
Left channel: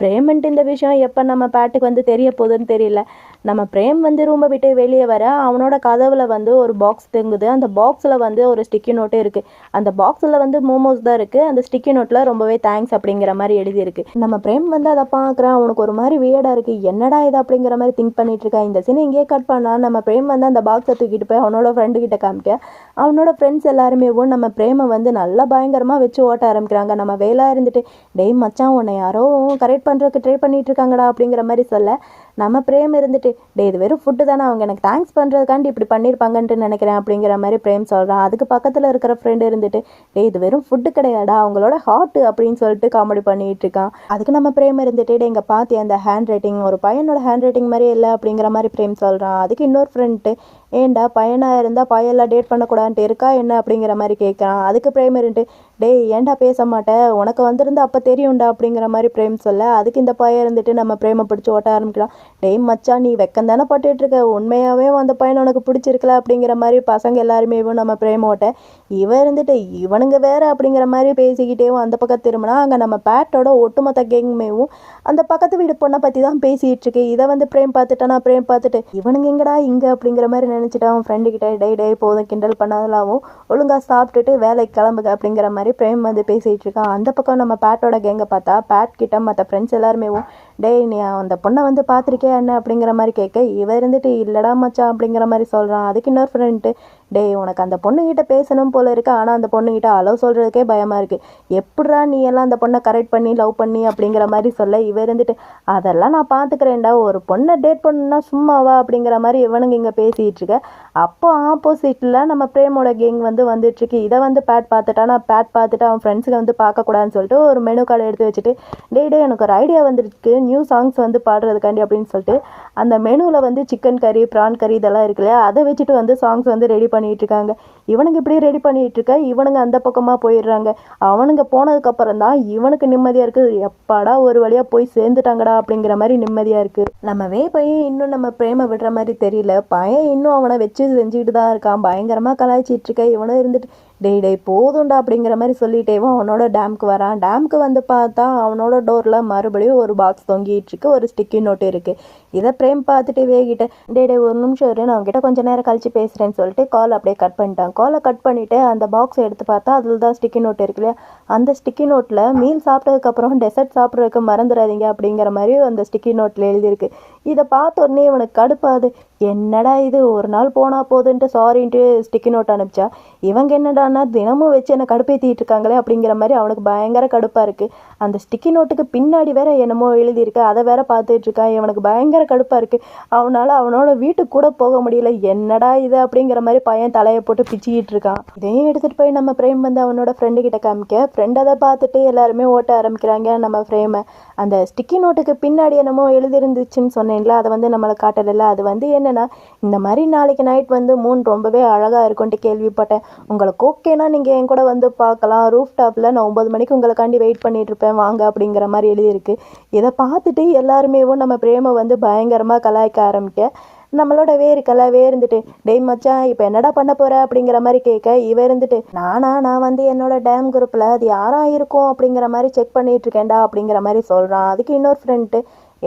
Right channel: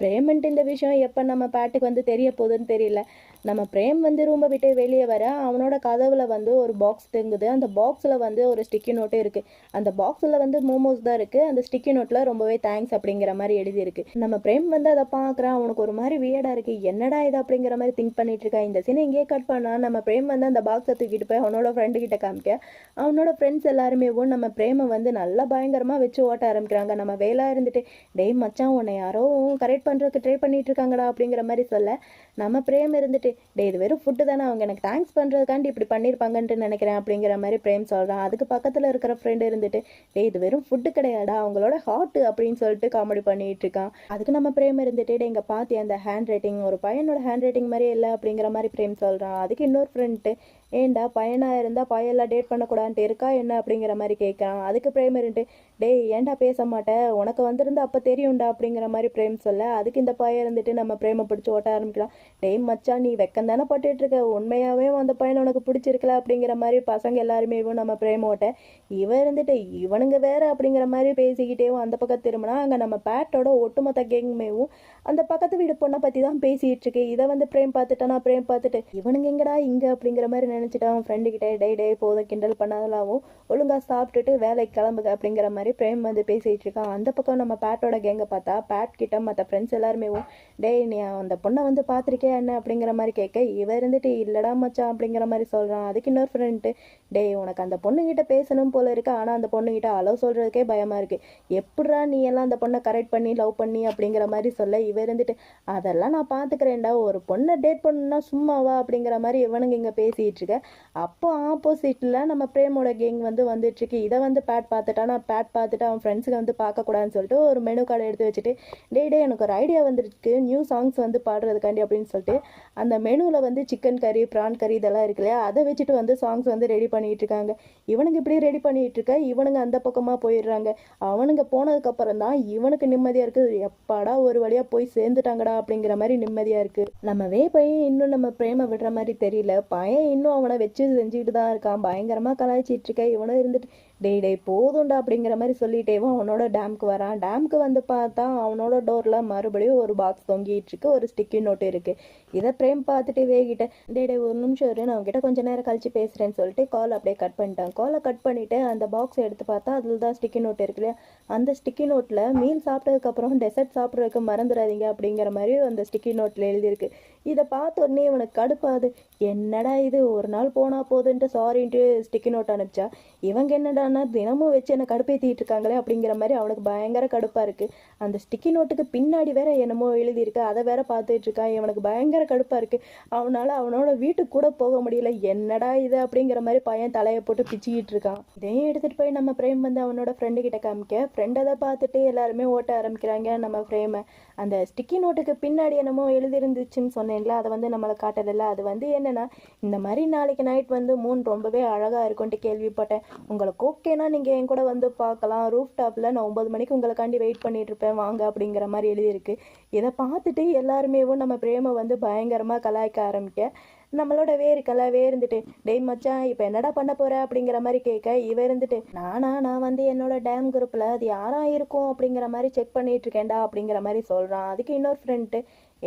பிரேமன்ட்டு இந்த விஷயம் எப்போ நம்ம பேட்டுக்கு வந்து தெரிய போகுதுன்னு தெரியல. நம்ம பிரேம் வந்து ரூமை விட்டு வெளியே வர அவனோட கதவில் வந்து ஒரு பாக்ஸ் தொங்குது. அந்த பாக்ஸில் வந்து ஒரு ஸ்டிக்கி நோட்டு இருக்குது அந்த பாக்ஸில் வந்து மோமோஸ் தான் இருக்குது அந்த ஸ்டிக்கி நோட்டில் ரொம்பவே தேங்க்ஸ் அப்படிங்கிற மாதிரி எழுதியிருக்கு. நம்ம பிரேம் வந்து அதை பார்க்குறான். அவனுக்கு ஒரு மாதிரி வியடாக இருக்குது என்னடா இது அப்படிங்கிற மாதிரி திங்க் பண்ணிட்டு இருக்கா. இந்த சீனை இங்கேயே கட் பண்ணா நம்ம பிரேம் வந்து அந்த பாக்ஸை தூக்கிட்டு போய் அவனோட ஃப்ரெண்டு கிட்ட காமிக்க அவனோட ஃப்ரெண்ட்ஸ் எல்லாருமே நம்ம பிரேமை வந்து நல்லா பயங்கரமாக வச்சு ஓட்ட ஆரம்பிக்கிறாங்க. நம்ம வேலையாக இருந்துட்டு டெய் மச்சான் உன்னை யாரோ கரெக்ட் பண்ணுறதுக்கு ட்ரை பண்ணிட்டு இருக்காங்கடா அப்படிங்கிற மாதிரி சொல்ல. நம்ம பிரேம் இருந்துட்டு டே இது வெறும் ஃபுட்டு தானே அவங்க எனக்கு தேங்க்ஸ் பண்ணுறதுக்காண்டி இப்படி பண்ணியிருப்பாங்கன்ட்டு நினைக்கிறேன் அப்படிங்கிற மாதிரி பிரேம் சொல்கிறான் அதுக்கு பக்கத்தில் இருக்கிற ஃப்ரெண்டு இருந்துட்டு டே இது வெறும் ஃபுட்டு கிடையாடா அவங்களோட ஹார்ட்டு அப்படின்னு சொல்லிட்டு காமெடி பண்ணிகிட்டு இருக்கான். அதுக்கு நம்ம பிரேம் இருந்துட்டு டே இங்கே பார்த்து அந்த ஹேண்ட் ரைட்டிங் ஒரு பையனோட ஹேண்ட் ரைட்டிங் மாதிரி இல்லை அப்படிங்கிற மாதிரி பிரேம் சொல்கிறான் அதுக்கு இன்னொரு ஃப்ரெண்ட்டு ஏண்டா பையனாக இருந்தால் பையெல்லாம் டேட் பண்ணக்கூடாதுன்ட்டு இருக்கா என்ன? அப்படிங்கிற மாதிரி கேட்குறான் அதுக்கு பிரேம் இருந்துட்டு டேய் ஏன்டா பேச மாட்டேன் உனக்கு வந்திருந்தா அப்போ தெரியும்டா அப்படிங்கிற மாதிரி பிரேம் சொல்ல அதுக்கு இந்த பையன் இருந்துட்டு நம்ம பிரேமை பிடிச்சி ஓட்ட ஆரம்பிக்கலாம் டேய் மச்சான் நீ வெக்கம் தானே பட்டுட்டு இருக்க உண்மையாகவே அந்த பையன் உனக்கு பிடிச்சிருக்கல அப்படிங்கிற மாதிரி பசங்க எல்லாருமே நம்ம பிரேம் ஓட்ட இவன் இருந்துட்டு இவனுங்க வேற அப்படிங்கிற மாதிரி பேசிக்கிட்டேவும் அந்த பக்கம் திரும்பினா அங்கே நம்ம பேட்டோட ஒட்டுமொத்த கேங்குமேவும் அந்த பக்கத்து வீடு பொண்ணை பற்றி தான் பேசிகிட்டு இருக்கு இதை வந்து பிரேம் பார்த்துட்டானா பிரேம் பார்த்துட்டு இவனுங்க எங்கடா இங்கே அப்படிங்கிற மாதிரி நினச்சிட்டு அவன் ஃப்ரெண்டு கிட்டே டே டே போதும் கிண்டல் பண்ணதெல்லாவும் ஒழுங்காக சாப்பிட்டுட்டு வேலைக்கு கிளம்புக அப்படிங்கிற மாதிரி பிரேம் வந்து பேசிகிட்டு இருக்கான் அந்த பக்கம் நம்ம பேட்டோட கேங்கை பார்த்தா பேட் கிட்ட மற்ற ஃப்ரெண்ட்ஸ் எல்லாருமேவும் டேய் நீ அந்த பொண்ணை வந்து பார்த்துருக்கியா என்ன? அப்படிங்கிற மாதிரி கேட்க இவ இருந்துட்டு இல்லடா மச்சான் அப்படிங்கிற மாதிரி சொல்கிறான் அதுக்கு இன்னொரு ஃப்ரெண்ட்டு டேய் உனக்கு அந்த பொண்ணுகிட்ட பேசணும் போல இருக்கு. ஆனால் அந்த பொண்ணுகிட்ட அளவு சொல்கிறதுக்கே பயமாக இருக்குது எப்படா நீ எல்லாம் அந்த பொண்ணை கரெக்ட் பண்ணி லவ் பண்ணி அப்படிங்கிற மாதிரி சொல்ல இவ இருந்துட்டு அதெல்லாம் நான் பார்த்துக்கிறேன்டா. ஒரு பொண்ணை டேட் பண்ணணும்னா சும்மாவா? அப்படிங்கிற மாதிரி இவனுங்க இங்கே பேசிகிட்டு இருக்க. அப்போ ஆப்போசிட்டில் நம்ம பிரேமோட கேங் வந்து வந்துட்டுருக்கு இதை வந்து பேட் பார்த்துட்டா நான் பேட் பார்த்துட்டு அவன் ஃப்ரெண்ட்ஸுக்கு வந்து பார்க்கக்கூடாதுன்னு சொல்லிட்டு ஒரு மெனு கார்டு எடுத்து வச்சுட்டு டே டே எனக்கு ஒரு ஐடியா வந்துருக்கு. நியூ சாங்ஸ் வந்து பாடுறதுக்காண்டி அப்படின்னு சொல்லிட்டு அந்த மெனுவில் வந்து சிக்கன் கறி ப்ரான் கறி இதெல்லாம் இருக்கு இல்லையா? அதை வச்சுட்டு வந்து சாங்ஸ் வந்து ரெடி பண்ணிகிட்டு இருக்காங்க. இவனுங்க இப்படி ரெடி பண்ணிகிட்டு இருக்க? இவனுங்க அந்த பக்கமாக போயிடுறாங்க. அவனுங்க போனதுக்கப்புறம் தான் இவனுக்கு நிம்மதியாக இருக்குது எப்பாடா ஒரு வழியாக போய் சேர்ந்துட்டாங்கடா அப்படிங்கிற மாதிரி நிம்மதியாக இருக்குது நம்மவே பையன் இன்னும் நம்ம பிரேம விடுற மாதிரி தெரியல. பையன் இன்னும் அவனை வச்சு செஞ்சுக்கிட்டு தான் இருக்கான். பயங்கரமாக கலாய்ச்சிட்டு இருக்க. இவனும் இருந்துட்டு டேய் டே போதும்டா அப்படிங்கிற மாதிரி சொல்லிட்டேவும் அவனோட டேம்க்கு வரான். டேம்க்கு வந்து பார்த்தா அவனோட டோரில் மறுபடியும் ஒரு பாக்ஸ் தொங்கிட்டு இருக்கு ஒரு ஸ்டிக்கி நோட்டு இருக்குது இதை பிரேம் பார்த்துட்டு வேகிட்ட டே டே ஒரு நிமிஷம் இரு நான் அவங்ககிட்ட கொஞ்சம் நேரம் கழிச்சு பேசுகிறேன்னு சொல்லிட்டு கால் அப்படியே கட் பண்ணிட்டான். காலை கட் பண்ணிவிட்டு அந்த பாக்ஸை எடுத்து பார்த்தா அதில் தான் ஸ்டிக்கி நோட் இருக்கு இல்லையா? அந்த ஸ்டிக்கி நோட்டில் மீல் சாப்பிட்டதுக்கப்புறம் டெசர்ட் சாப்பிட்றதுக்கு மறந்துடாதீங்க அப்படிங்கிற மாதிரி அந்த ஸ்டிக்கி நோட்டில் எழுதியிருக்கு. இதை பார்த்த உடனே இவனுக்கு கடுப்பாது என்னடா இது ஒரு நாள் போனால் போதுன்ட்டு சாரின்ட்டு ஸ்டிக்கி நோட் அனுப்பிச்சா? இவங்க என்னடானா தினமும் வச்சு என்னை கடுப்பேற்றிட்டு இருக்காங்களே அப்படிங்கிற மாதிரி அவனுக்கு பயங்கர கடுப்பாக இருக்குது அந்த ஸ்டிக்கி நோட்டுக்கு பின்னாடி வேற என்னமோ எழுதியிருக்கு. அதை வேற பார்த்துட்டு இருக்கான். இவனுக்கு பயங்கர கடுப்பாக இருக்குது அவனால் அவனோட வீட்டுக்கு கூட போக முடியல. என்னடா இது அப்படிங்கிற மாதிரி பையன் தலையை போட்டு பிச்சிக்கிட்டு இருக்கான். இதையும் எடுத்துகிட்டு போய் நம்ம ஃப்ரேம் வந்து அவனோட ஃப்ரெண்டு கிட்ட காமிக்க. ஃப்ரெண்ட் அதை பார்த்துட்டு எல்லாருமே ஓட்ட ஆரம்பிக்கிறாங்க நம்ம ஃப்ரேமை அந்த ஸ்டிக்கி நோட்டுக்கு பின்னாடி என்னமோ எழுதிருந்துச்சுன்னு சொன்னேன்ல அதை வந்து நம்மளை காட்டலைல்ல அது வந்து என்னென்னா இந்த மாதிரி நாளைக்கு நைட் வந்து மூன் ரொம்பவே அழகாக இருக்கும்ட்டு கேள்விப்பட்டேன். உங்களுக்கு ஓகேனா நீங்கள் என் கூட வந்து பார்க்கலாம். ரூஃப் டாப்பில் நான் ஒம்பது மணிக்கு உங்களுக்காண்டி வெயிட் பண்ணிகிட்ருப்பேன் வாங்க அப்படிங்கிற மாதிரி எழுதியிருக்கு. இதை பார்த்துட்டு எல்லாருமேவும் நம்ம பிரேமை வந்து பயங்கரமாக கலாய்க்க ஆரம்பிக்க. நம்மளோட வேறு கலா இருந்துட்டு டெய் மச்சான் இப்போ என்னடா பண்ண போற? அப்படிங்கிற மாதிரி கேட்க இவ இருந்துட்டு நானா நான் வந்து என்னோட டேம் குரூப்பில் அது யாரா இருக்கும்? அப்படிங்கிற மாதிரி செக் பண்ணிட்டு இருக்கேன்டா அப்படிங்கிற மாதிரி சொல்கிறான் அதுக்கு இன்னொரு ஃப்ரெண்ட்டு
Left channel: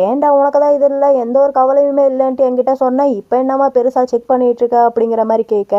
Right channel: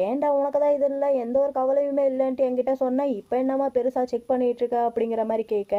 ஏன்டா உனக்கு தான் இது இல்லை? எந்த ஒரு கவலையுமே இல்லைன்ட்டு என்கிட்ட சொன்னால் இப்போ என்னம்மா பெருசாக செக் பண்ணிட்டு இருக்க? அப்படிங்கிற மாதிரி கேட்க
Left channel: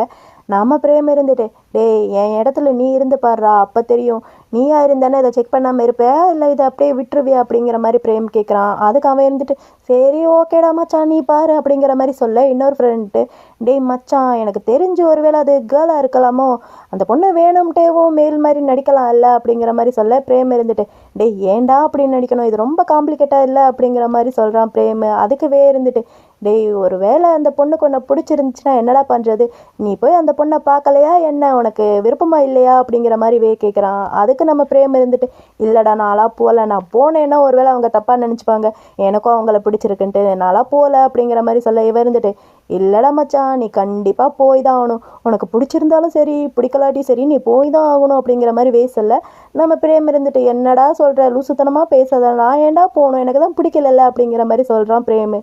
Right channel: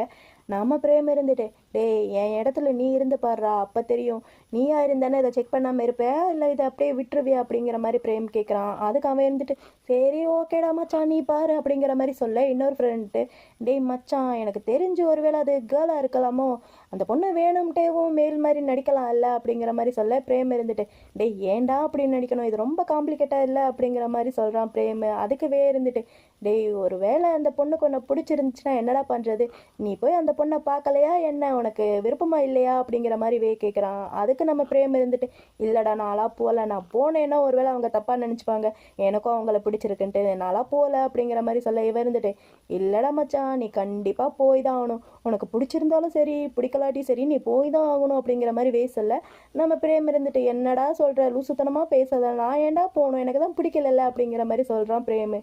நம்ம பிரேம் இருந்துட்டு. டேய் என் இடத்துல நீ இருந்து பாடுறா அப்போ தெரியும். நீயா இருந்தானே இதை செக் பண்ணாமல் இருப்ப? இல்லை இதை அப்படியே விட்டுருவியா அப்படிங்கிற மாதிரி பிரேம் கேட்குறான் அதுக்கு அவன் இருந்துட்டு சரி ஓகேடா மச்சான் நீ பாரு அப்படிங்கிற மாதிரி சொல்ல இன்னொரு ஃப்ரெண்ட்டு டேய் மச்சான் எனக்கு தெரிஞ்சு ஒருவேளை அது கேர்ளாக இருக்கலாமோ? அந்த பொண்ணு வேணும்ட்டேவும் மேல் மாதிரி நடிக்கலாம் இல்லை அப்படிங்கிற மாதிரி சொல்ல பிரேம் இருந்துட்டு டேய் ஏன்டா அப்படின்னு நடிக்கணும்? இது ரொம்ப காம்ப்ளிகேட்டாக இல்லை அப்படிங்கிற மாதிரி சொல்கிறான் பிரேம். அதுக்கு வே இருந்துட்டு டேய் ஒரு வேளை அந்த பொண்ணுக்கு ஒன்று பிடிச்சிருந்துச்சுன்னா என்னடா பண்ணுறது நீ போய் அந்த பொண்ணை பார்க்கலையா? என்ன உனக்கு விருப்பமா இல்லையா? அப்படிங்கிற மாதிரி வே கேட்குறான் அதுக்கு நம்ம பிரேம் இருந்துட்டு இல்லைடா நாளாக போகல நான் போனேன்னா ஒருவேளை அவங்க தப்பாக நினச்சிப்பாங்க. எனக்கும் அவங்கள பிடிச்சிருக்குன்ட்டு நாளாக போகல அப்படிங்கிற மாதிரி சொல்ல இவ இருந்துட்டு இல்லைடா மச்சான் நீ கண்டிப்பாக போய் தான் ஆகணும். உனக்கு பிடிச்சிருந்தாலும் சரி பிடிக்கலாட்டி சரி நீ போய் தான் ஆகணும் அப்படிங்கிற மாதிரி வே சொல்ல நம்ம பிரேம் இருந்துட்டு என்னடா சொல்கிற லூசுத்தனமாக பேசாத நான் ஏன்டா போகணும்? எனக்கு தான் பிடிக்கலல்ல அப்படிங்கிற மாதிரி சொல்கிறான் பிரேமு.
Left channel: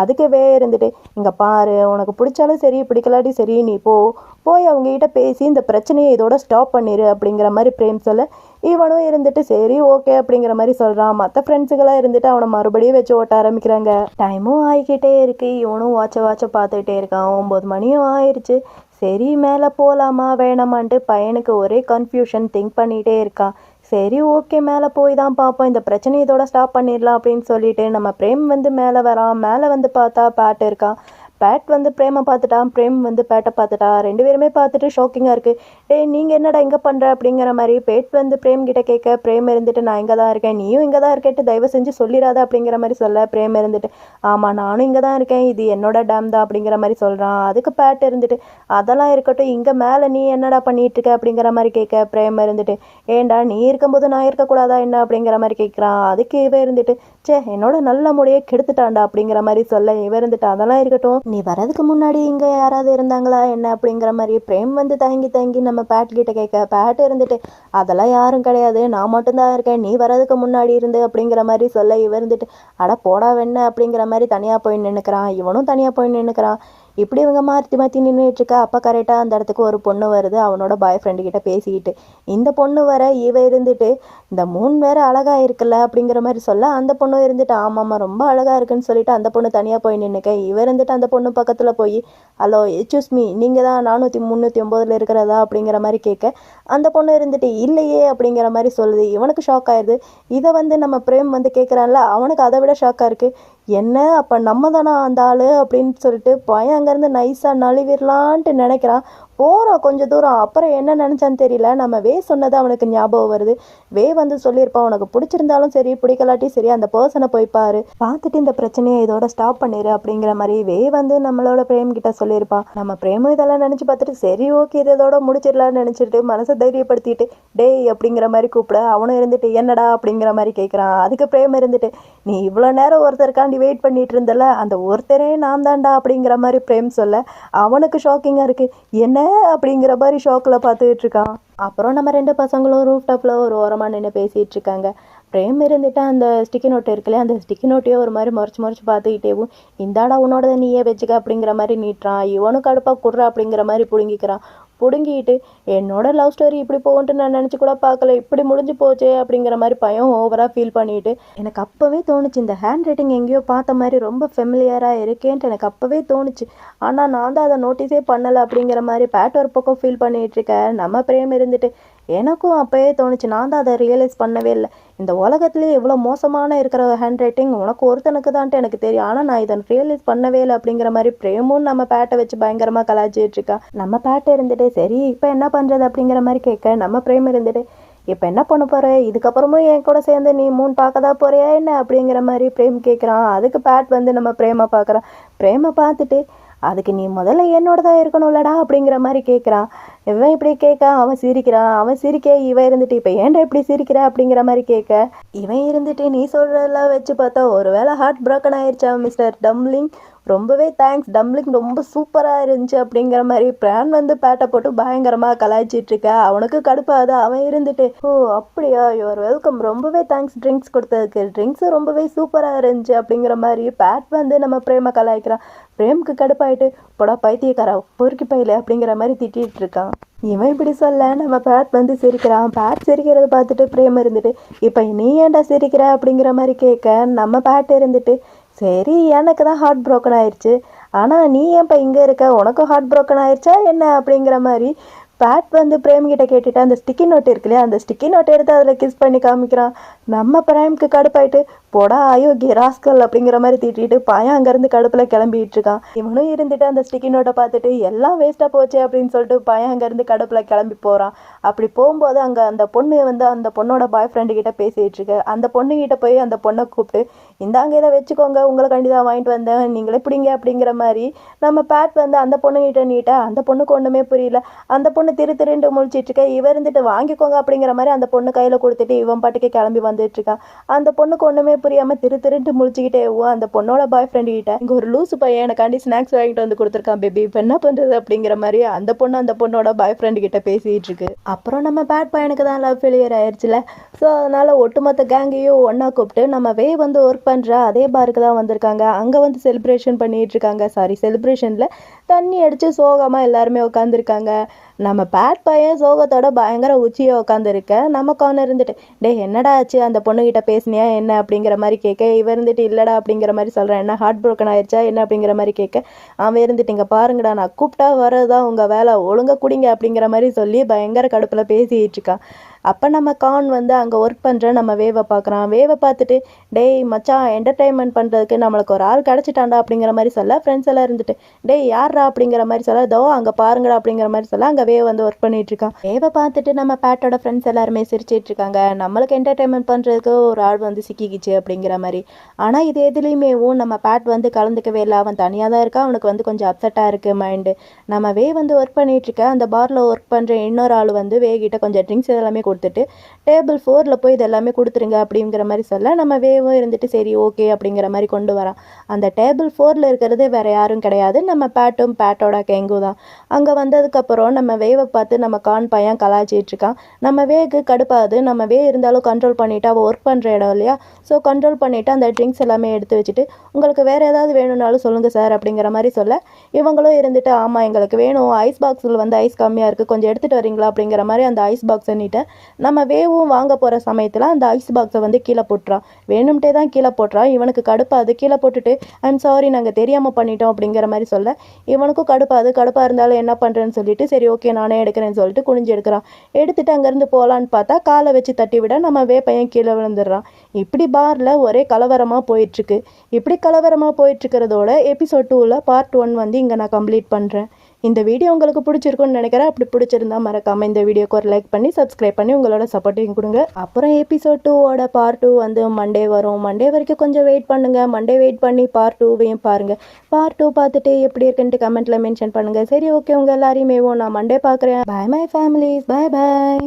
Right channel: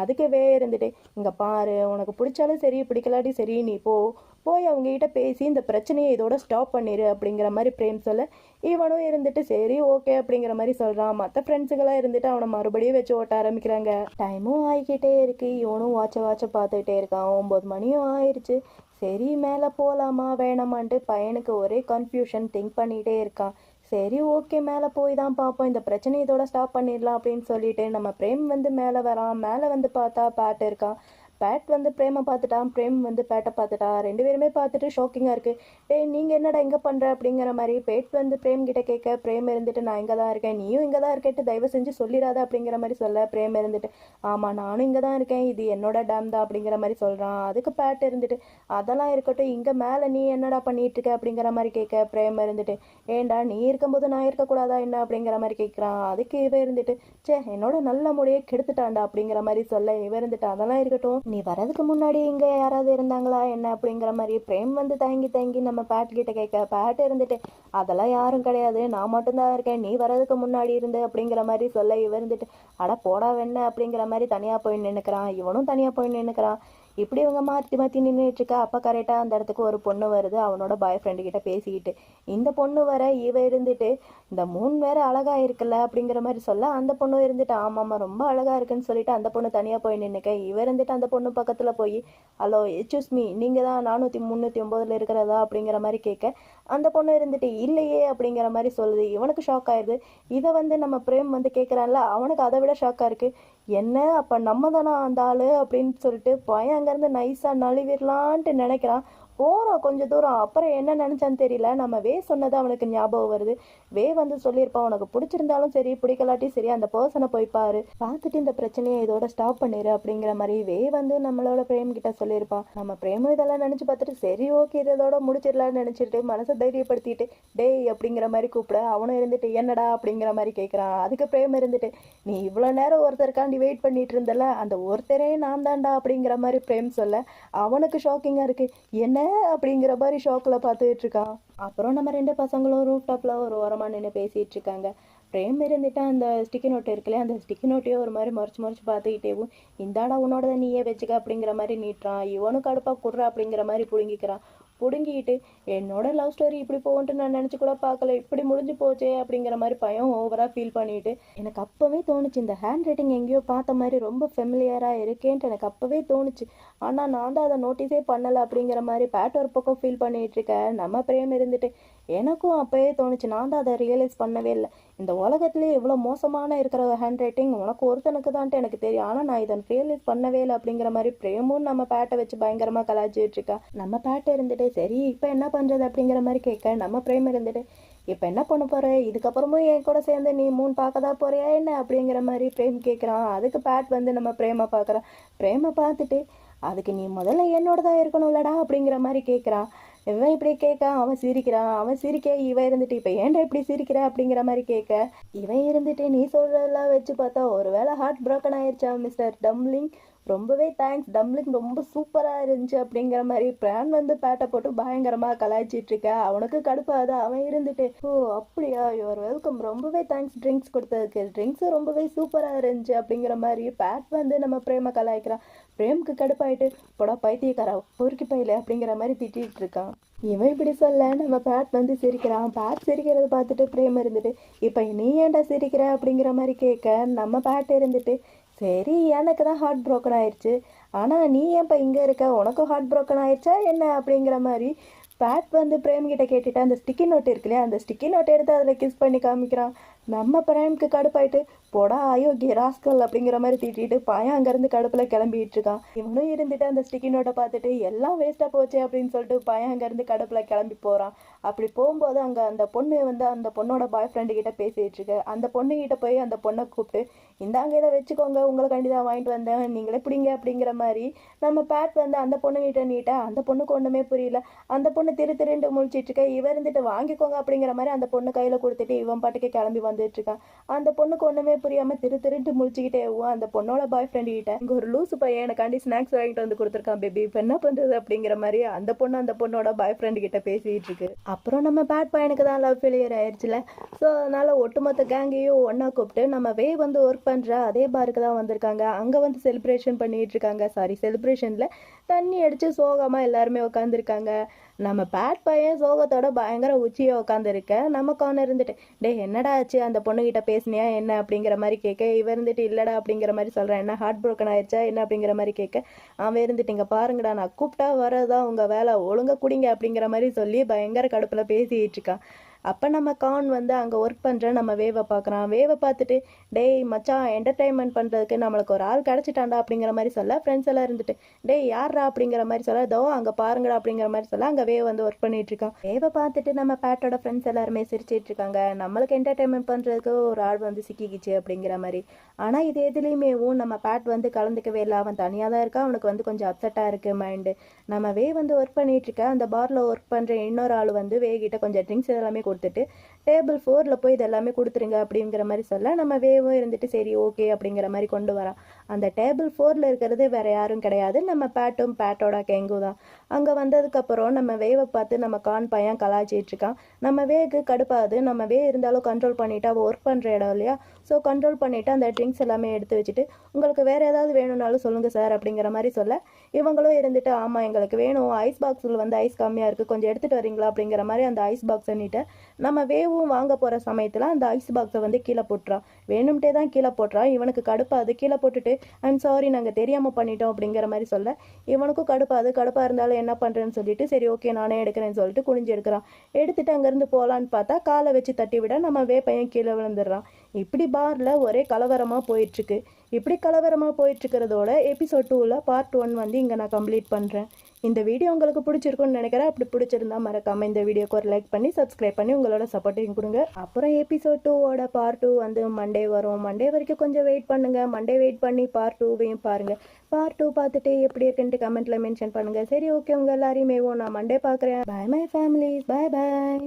அதுக்கவே இருந்துட்டு இங்கே பாரு உனக்கு பிடிச்சாலும் சரி பிடிக்கலாட்டி சரி நீ போ. போய் அவங்ககிட்ட பேசி இந்த பிரச்சனையை இதோட ஸ்டாப் பண்ணிடு அப்படிங்கிற மாதிரி பிரேம் சொல்ல இவனும் இருந்துட்டு சரி ஓகே அப்படிங்கிற மாதிரி சொல்கிறான் மற்ற ஃப்ரெண்ட்ஸுகளாக இருந்துட்டு அவனை மறுபடியும் வச்சு ஓட்ட ஆரம்பிக்கிறாங்க. டைமும் ஆகிக்கிட்டே இருக்கு. இவனும் வாட்ச வாட்ச பார்த்துக்கிட்டே இருக்கான். ஒம்பது மணியும் ஆயிடுச்சு சரி மேலே போகலாமா வேணாமான்ட்டு பையனுக்கு ஒரே கன்ஃபியூஷன் திங்க் பண்ணிகிட்டே இருக்கான். சரி ஓகே மேலே போய் தான் பார்ப்போம். இந்த பிரச்சனையை இதோட ஸ்டாப் பண்ணிடலாம் அப்படின்னு சொல்லிட்டு நம்ம பிரேம் வந்து மேலே வரான் மேலே வந்து பார்த்தா பேட் இருக்கான் பேட் வந்து பிரேமை பார்த்துட்டான் பிரேம் வந்து பேட்டை பார்த்துட்டா. ரெண்டு பேருமே பார்த்துட்டு ஷாக்கிங்காக இருக்குது டேய் நீங்கள் என்னடா இங்கே பண்ணுற அப்படிங்கிற மாதிரி பேட் வந்து பிரேம் கிட்ட கேட்க பிரேம் இருந்துட்டு நான் இங்கே தான் இருக்கேன். நீயும் இங்கே தான் இருக்கேட்டு தயவு செஞ்சு சொல்லிடாத அப்படிங்கிற மாதிரி சொல்ல பிரேம் இருந்துட்டு. ஆமாம் நானும் இங்கே தான் இருக்கேன். இது என்னோட டேம் தான் அப்படிங்கிற மாதிரி சொல்கிறான் அதுக்கு பேட் இருந்துட்டு அதெல்லாம் இருக்கட்டும். இங்கே மேலே நீ என்னடா பண்ணிட்டு இருக்க? அப்படிங்கிற மாதிரி கேட்க பிரேம் இருந்துட்டு. ஏன்டா நீ இருக்கும்போது நான் இருக்கக்கூடாதா என்ன? அப்படிங்கிற மாதிரி கேட்குறான். அதுக்கு இவன் இருந்துட்டு ச்சே என்னோட நல்ல முறையை கெடுத்துட்டான்டா அப்படிங்கிற மாதிரி சொல்ல இவன் இருந்துட்டு அதெல்லாம் இருக்கட்டும். நீ வரதுக்கு முன்னாடி இங்கே யாராவது இருந்தாங்களா? என்ன அப்படிங்கிற மாதிரி பிரேம் வந்து தயங்கி தயங்கி நம்ம பேட் கிட்ட கேட்க பேட் இருந்துட்டு அதெல்லாம் யாரும் கிடையாது. நான் மட்டும்தான் இருக்கேன். நீ வரதுக்கு முன்னாடி இருந்து அப்படிங்கிற மாதிரி சொல்ல இவ இருந்துட்டு அட போடா வெண்ண அப்படிங்கிற மாதிரி தனியாக போய் நின்றுக்கிறான் இவனும் தனியாக போய் நின்றுக்கிறான் இப்படி இவங்க மாற்றி மாற்றி நின்றுட்டு இருக்கா அப்போ கரெக்டாக அந்த இடத்துக்கு ஒரு பொண்ணு வருது. அவனோட பாய் ஃப்ரெண்டு கிட்ட பேசிக்கிட்டு. இந்த பொண்ணு வர இவ இருந்துட்டு இந்த மூணு வேற அழகாக இருக்குல்ல அப்படிங்கிற மாதிரி சொல்ல அந்த பொண்ணு இருந்துட்டு ஆமாம்மா ரொம்ப அழகாக இருக்குன்னு சொல்லிட்டு அந்த பொண்ணு தனியாக போய் நின்றுக்க இவர் இருந்துட்டு அந்த பொண்ணு பக்கத்தில் போய் ஹலோ எச்யூஸ் மீ நீங்கள் தான் நானூற்றி முந்நூற்றி ஒம்போதில் இருக்கிறதா? அப்படிங்கிற மாதிரி கேட்க அந்த பொண்ணு இருந்துட்டு இல்லையே அப்படிங்கிற மாதிரி சொல்லுது. இவனுக்கு ஷாக் ஆயிடுது இதை வந்து நம்ம பிரேம் வந்து கேட்குறான்ல அவனுக்கு அதை விட ஷாக்காக இருக்குது என்ன? அப்போ நம்ம தானா அந்த ஆள்? அப்படின்னு சொல்லிட்டு பையன் அங்கேருந்து நைஸாக நழுவிடலான்ட்டு நினைக்கிறான். போகிறோம் கொஞ்சம் தூரம். அப்புறம் என்ன நினச்சான்னு தெரியல. நம்ம வே சொன்னது அவனுக்கு ஞாபகம் வருது. வே வந்து சொல்லியிருப்பான் உனக்கு பிடிச்சிருந்தாலும் சரி பிடிக்கலாட்டி சரி அந்த பர்சனை போய் பாரு. பார்த்துட்டு இந்த பிரச்சனையை இதோட ஸ்டாப் பண்ணிடு அப்படிங்கிற மாதிரி வே வந்து நம்மளோட பிரேம் கிட்ட சொல்லியிருப்பான் நம்ம பிரேமும் இதெல்லாம் நினச்சி பார்த்துட்டு சரி ஓகே இதோட முடிச்சிடலாம்னு நினச்சிட்டு மனசை தைரியப்படுத்திட்டு டேய் அப்படிங்கிற மாதிரி கூப்பிட அவனும் இருந்துட்டு என்னடா? அப்படிங்கிற மாதிரி கேட்குறான் அதுக்கு பிரேம் இருந்துட்டு நீ இவ்வளோ நேரம் ஒருத்தருக்காண்டி வெயிட் பண்ணிட்டு இருந்தல அந்த ஒருத்தரே நான் தான்டா அப்படிங்கிற மாதிரி பிரேம் சொல்ல அவனுக்கு ஷாக்கிங்காக இருக்குது என்ன? அப்படிங்கிற மாதிரி ஷாக்கில் பார்த்துக்கிட்டு இருக்கான். அப்புறம் நம்ம ரெண்டு பசங்களும் ரூஃப் டாப்பில் ஒரு ஓரமாக நின்று பேசிகிட்டு இருக்காங்க. பிரேம் இருந்துட்டு அந்த ஸ்டிக்கி நோட்டு இருக்குல்ல அந்த ஸ்டிக்கி நோட்டையே ஒரு மாதிரி முறைச்சி முறைச்சி பார்த்துக்கிட்டேவும் இந்தாடா உன்னோடதை நீயே வச்சுக்க அப்படிங்கிற மாதிரி நீட்டுறான். இவனும் கடுப்பாக குடுற அப்படிங்கிற மாதிரி பிடுங்கிக்கிறான். பிடுங்கிட்டு என்னோட லவ் ஸ்டோரி இப்படி போகும்ட்டு நான் நினச்சி கூட பார்க்கல. இப்படி முடிஞ்சு போச்சே அப்படிங்கிற மாதிரி பயம் ஓவராக ஃபீல் பண்ணிட்டு எனக்கு அப்போவே தோணுச்சு இந்த ஹேண்ட் ரைட்டிங் எங்கேயோ பார்த்த மாதிரி ரொம்ப ஃபெமிலியராக இருக்கேன்ட்டு எனக்கு அப்போவே தோணுச்சு. ஆனால் நான் தான் அதை நோட்டீஸே பண்ணலை அப்படிங்கிற மாதிரி பேட் ஒரு பக்கம் ஃபீல் பண்ணிகிட்டு இருக்கேன் நம்ம பிரேம் இருந்துட்டு எனக்கும் அப்போவே தோணுச்சு. நான் தான் அதை ரியலைஸ் பண்ணவே இல்லை. இந்த உலகத்துலேயே இவ்வளோ மோசமான இருக்கிற ஹேண்ட் ரைட்டிங் உனக்கு ஒருத்தனுக்கு தான்ட்டு எனக்கு தெரியும். ஆனால் நான் இதை ரியலைஸ் பண்ணவே இல்லை அப்படிங்கிற மாதிரி பிரேமும் நம்ம பேட்டை வச்சு பயங்கரமாக கலாச்சிட்டு இருக்கா. நம்ம பேட்டை இருந்துட்டு சரி இப்போ என்ன பண்ணுறது அப்படிங்கிற மாதிரி கேட்க நம்ம பிரேம் இருந்துட்டு இப்போ என்ன பண்ண போற? இதுக்கப்புறமும் என் கூட சேர்ந்து நீ மூணு பார்க்க தான் போறியா என்ன? அப்படிங்கிற மாதிரி பிரேம் கேட்குறான். அதுக்கு பேட் வந்து நம்ம பிரேமை பார்க்குறான் பிரேமை பார்த்துட்டு அதுக்கு நீ முதல்ல என்னோட தான் இருக்கணும்லடா அப்படிங்கிற மாதிரி கேட்குறான். இவன் இப்படி கேட்க அவன் சிரிக்கிறான். அவன் சிரிக்க இவன் இருந்துட்டு இப்போ ஏன்டா இப்படி சிரிக்கிற அப்படிங்கிற மாதிரி கேட்க இவன் இருந்துட்டு நீ சொல்கிறதெல்லாம் வச்சு பார்த்தா ஒருவேளை ஹார்ட் ப்ரோக்கன் ஆயிடுச்சா மிஸ்டர் டம்லிங் ரொம்பவே தேங்க்ஸ் டம்ளிங் ரொம்ப சூப்பராக இருந்துச்சு அப்படிங்கிற மாதிரி பிரான் வந்து பேட்டை போட்டு பயங்கரமாக கலாய்ச்சிட்ருக்க அவனுக்கு கடுப்பாது அவன் இருந்துட்டு. ஓ அப்படியா? யுவர் வெல்கம் ரொம்பவே தேங்க்ஸ் ட்ரிங்க்ஸ் கொடுத்ததுக்கு. ட்ரிங்க்ஸும் ரொம்பவே சூப்பராக இருந்துச்சு அப்படிங்கிற மாதிரி பேட் வந்து நம்ம பிரேமை கலாய்க்கிறான். பிரேமுக்கு கடுப்பாயிட்டு போடா பைத்தியக்காரா பொறுக்கி பையில அப்படிங்கிற மாதிரி திட்டிகிட்டு இருக்கான். இவன் இப்படி சொல்ல நம்ம பேட் வந்து சிரிக்கிறான். பேட் சிரிக்கிறத பார்த்துட்டு பிரேம் இருந்துட்டு இப்போ நீ ஏன்டா சிரிக்கிற? அப்படிங்கிற மாதிரி கேட்க நம்ம பேட் இருந்துட்டு சரி எனக்கு தான் ஹார்ட் ப்ரோக்கன் ஆயிடுச்சு ஆனால் நீ ஏன்ப்பா இங்கே இருக்க? உனக்கும் ஹார்ட் ப்ரோக்கன் ஆயிடுச்சா என்ன? அப்படிங்கிற மாதிரி பேட் வந்து பிரேம் கிட்ட கேட்டுட்டு அந்த ஸ்டிக்கி நோட் இருக்கு இல்லையா அந்த ஸ்டிக்கி நோட் எடுத்து அதில் கிஸ் பண்ணி காமிக்கிறான். நம்ம பிரேம்க்கு கடுப்பாயிட்டு போடா அயோக்கிய ராஸ்கல் அப்படிங்கிற மாதிரி திட்டிட்டு பையன் அங்கேருந்து கடுப்பில் கிளம்பிட்டு இருக்கான் இவனும் இருந்துட்டு அந்த ஸ்டிக்கி நோட்டை பார்த்துட்டு எல்லாம் வேஸ்ட்டாக போச்சு அப்படின்னு சொல்லிட்டு பையன் அங்கேருந்து கடுப்பில் கிளம்பி போகிறான் அப்படி போகும்போது அங்கே அந்த பொண்ணு வந்து அந்த பொண்ணோட பாய் ஃப்ரெண்டு கிட்ட பேசிகிட்டு இருக்கு. அந்த பொண்ணுகிட்ட போய் அந்த பொண்ணை கூப்பிட்டு இந்தாங்க இதை வச்சுக்கோங்க உங்களை கண்டிதான் வாங்கிட்டு வந்தேன். நீங்களே பிடிங்க அப்படிங்கிற மாதிரி நம்ம பேட் வந்து அந்த பொண்ணுகிட்ட நீட்ட அந்த பொண்ணுக்கு ஒன்றுமே புரியல. அந்த பொண்ணு திரு திருண்டு முழிச்சிட்டு இருக்க இவ இருந்துட்டு வாங்கிக்கோங்க அப்படிங்கிற மாதிரி அந்த பொண்ணு கையில் கொடுத்துட்டு இவன் பாட்டுக்கு கிளம்பி வந்துட்டு இருக்கான். அந்த பொண்ணுக்கு ஒன்றுமே புரியாம திரு திருண்டு முழிச்சுக்கிட்டே ஓ அந்த பொண்ணோட பாய் ஃப்ரெண்டு கிட்ட இங்கே ஒரு லூசு பையன் எனக்காண்டி ஸ்நாக்ஸ் வாங்கிட்டு வந்து கொடுத்துருக்கான் பேபி இப்போ என்ன பண்ணுறது அப்படிங்கிற மாதிரி அந்த பொண்ணு அந்த பொண்ணோட பாய் ஃப்ரெண்டு கிட்ட பேசிட்டு இருக்கு. அப்புறம் நம்ம பேட் பையனுக்கு தான் லவ் ஃபெயிலியர் ஆயிடுச்சுல ஸோ அதனால ஒட்டுமொத்த கேங்கையும் ஒன்றா கூப்பிட்டு நம்ம வே வந்து ஒர்க் பண்ற பண்ணுற அதே பாருக்கு தான் வந்திருக்காங்க. அங்கே வந்து செலிப்ரேஷன் பண்ணிட்டு இருக்காங்க. சாரி செலிப்ரேஷனில் தண்ணி அடித்து சோகமாக எல்லாருமே உட்காந்துருக்காங்க நம்ம பேட் பையன் சோகத்தோட பயங்கர உச்சியை உட்காந்துருக்க நம்ம கார்னர் இருந்துட்டு டேய் என்னடா ஆச்சு? அந்த பொண்ணுகிட்ட பேசினியா? என்ன? அப்படிங்கிற மாதிரி கேட்க இவ இருந்துட்டு இல்லைடா அப்படிங்கிற மாதிரி சொல்கிறேன் என்ன ஹார்ட் ப்ரோக்கன் ஆயிடுச்சா என்ன? அப்படிங்கிற மாதிரி கேட்க அவன் இருந்துட்டு இங்கே பாருங்கடா நான் கூப்பிட்டா வரதான் உங்கள் வேலை ஒழுங்கா குடிங்க அப்படிங்கிற மாதிரி சொல்லி பயங்கர கடுப்பில் பேசிகிட்டு இருக்கான். அப்போ நம்ம கான் வந்து அங்கே ஒர்க் பண்ணுற நம்ம வேவை பார்க்குறான் வேவை பார்த்துட்டு டேய் மச்சான் என்டர்டைன்மெண்ட் பண்ணுறதுக்கு நம்மளுக்கு ஒரு ஆள் கிடச்சிட்டாண்டா அப்படிங்கிற மாதிரி சொல்ல ஃப்ரெண்ட்ஸ் எல்லாம் இருந்துட்டு டேய் யார்ரா? அப்படிங்கிற மாதிரி சொல்ல தோ அங்கே பாருங்கடா அப்படிங்கிற மாதிரி சொல்ல அங்கே வேவ் வந்து ஒர்க் பண்ணிகிட்ருக்கான் இருக்கான். வேவை பார்த்துட்டு நம்ம பேட்டோட ஃப்ரெண்ட்ஸ் எல்லாருமே சிரிச்சிட்டு இருக்காங்க. நம்மளுக்கு என்டர்டைன்மெண்ட் பண்ணுறதுக்கு ஒரு ஆள் வந்து சிக்கிக்கிச்சு அப்படிங்கிற மாதிரி. ஆனால் இது எதுலேயுமேவும் நம்ம பேட் வந்து கலந்துக்கவே இல்லை. அவன் தனியாக தான் இருக்கான். அவனுக்கு வந்து கொஞ்சம் அப்செட்டாக இருக்குது மைண்டு நம்ம வே வந்து ஒர்க் பண்ணிகிட்ருக்க அந்த பாரில் ஒர்க் பண்ணுற இன்னொரு ஆள் வந்து வேகிட்ட கொஞ்சம் ட்ரிங்க்ஸ் எல்லாமே கொடுத்துட்டு டேபிள் ஃபோரில் போய் இது எல்லாமே கொடுத்துருங்க அப்படிங்கிற மாதிரி சொல்ல நம்ம வேவும் இருந்துட்டு சரி ஓகே அப்படிங்கிற மாதிரி கொண்டு வரான். அந்த டேபிள் ஃபோரில் இருக்கிறது வேறு யாரும் கிடையாது. நம்ம பேட்டும் பேட்டோட கேங்கு தான். அங்கே வந்ததுக்கப்புறம் நம்ம வேவை பார்த்து நம்ம கான் பையன் கலாய்ச்சிட்டு இருக்கான். நம்ம வேகு கடுப்பாது நம்ம வே இருந்தாலும் கண்ட்ரோல் பண்ணிவிட்டு அவள் ஒர்க் பண்ணுற இடம் இல்லையா? ஸோ கண்ட்ரோல் பண்ணிவிட்டு அந்த ட்ரிங்க்ஸ் எல்லாமே எடுத்து வச்சுட்டு உங்களுக்கு வேறு ஏதாவது வேணும்னாலும் சொல்லுங்கள் சார் அப்படிங்கிற மாதிரி சொல்ல இவங்களும் இருந்துட்டு ஆமாம் எங்களுக்கு வேணும். ஐஸ் பாக்ஸில் வந்து ஐஸ் கம்மியாக இருக்குது கொஞ்சம் எடுத்துகிட்டு வரீங்களா? அப்படிங்கிற மாதிரி அந்த ஐஸ் பாக்ஸ் எண்ணிட்டு நம்ம வேவும் வாங்க போகிற சமயத்தில் அந்த ஐஸ் பாக்ஸை வந்து கீழே போட்டுறான் வேணும்ட்டே தான் கீழே போட்டுறான் இவனுக்கு கடுப்பாது கீழே போட்டுட்டு ஐம் சாரி நாங்கள் தெரியாமல் பண்ணிட்டோம் அப்படிங்கிற மாதிரி சொல்ல. இவனுக்கும் கடுப்பாது கடுப்பாக இருந்தாலும் என்ன பண்ணுறேன்னு சொல்லிட்டு சரி ஓகே நானே எடுக்கிறேன்னு சொல்லிட்டு குனிஞ்சு எடுக்கிறான். எடுத்துட்டு அங்கேருந்து போகலான்னு பார்த்தா காலை வச்சு தட்டி விட நம்ம வே பையன் கீழே விழுந்துடுறான். இப்படி பாரில் ஒரே கலவரமாக போயிட்டுருக்கு. இப்படி கலவரமாக போயிட்டுருக்கிறதோட எபிசோட் டூவில் பார்ட் ஒன் வந்து இங்கே நான் கம்ப்ளீட் பண்ணுறேன் இந்த வீடியோ உங்களுக்கு பிடிச்சிருக்குன்னு நினைக்கிறேன். அப்படி பிடிச்சிருந்தா மறக்காமல் இந்த வீடியோக்கு ஒரு லைக் பண்ணி சப்ஸ்கிரைப் பண்ணி உங்களோட சப்போர்ட்டையும் கொடுங்க. அப்புறம் எபிசோட் டூவோட பார்ட் டூ வந்து மண்டே வரும். மண்டே வரைக்கும் கொஞ்சம் வெயிட் பண்ணுங்கள் மண்டே வெயிட் பண்ணி பார்ட் டூவையும் பாருங்கள் பார்ட் டூ பார்த்துட்டு எப்படி இருக்குன்ட்டு கமெண்ட்டில் மென்ஷன் பண்ணுங்கள் சரி ஓகே உங்கள் எல்லாரையுமே நான் மண்டே பார்க்குறேன். Bye my family bye bye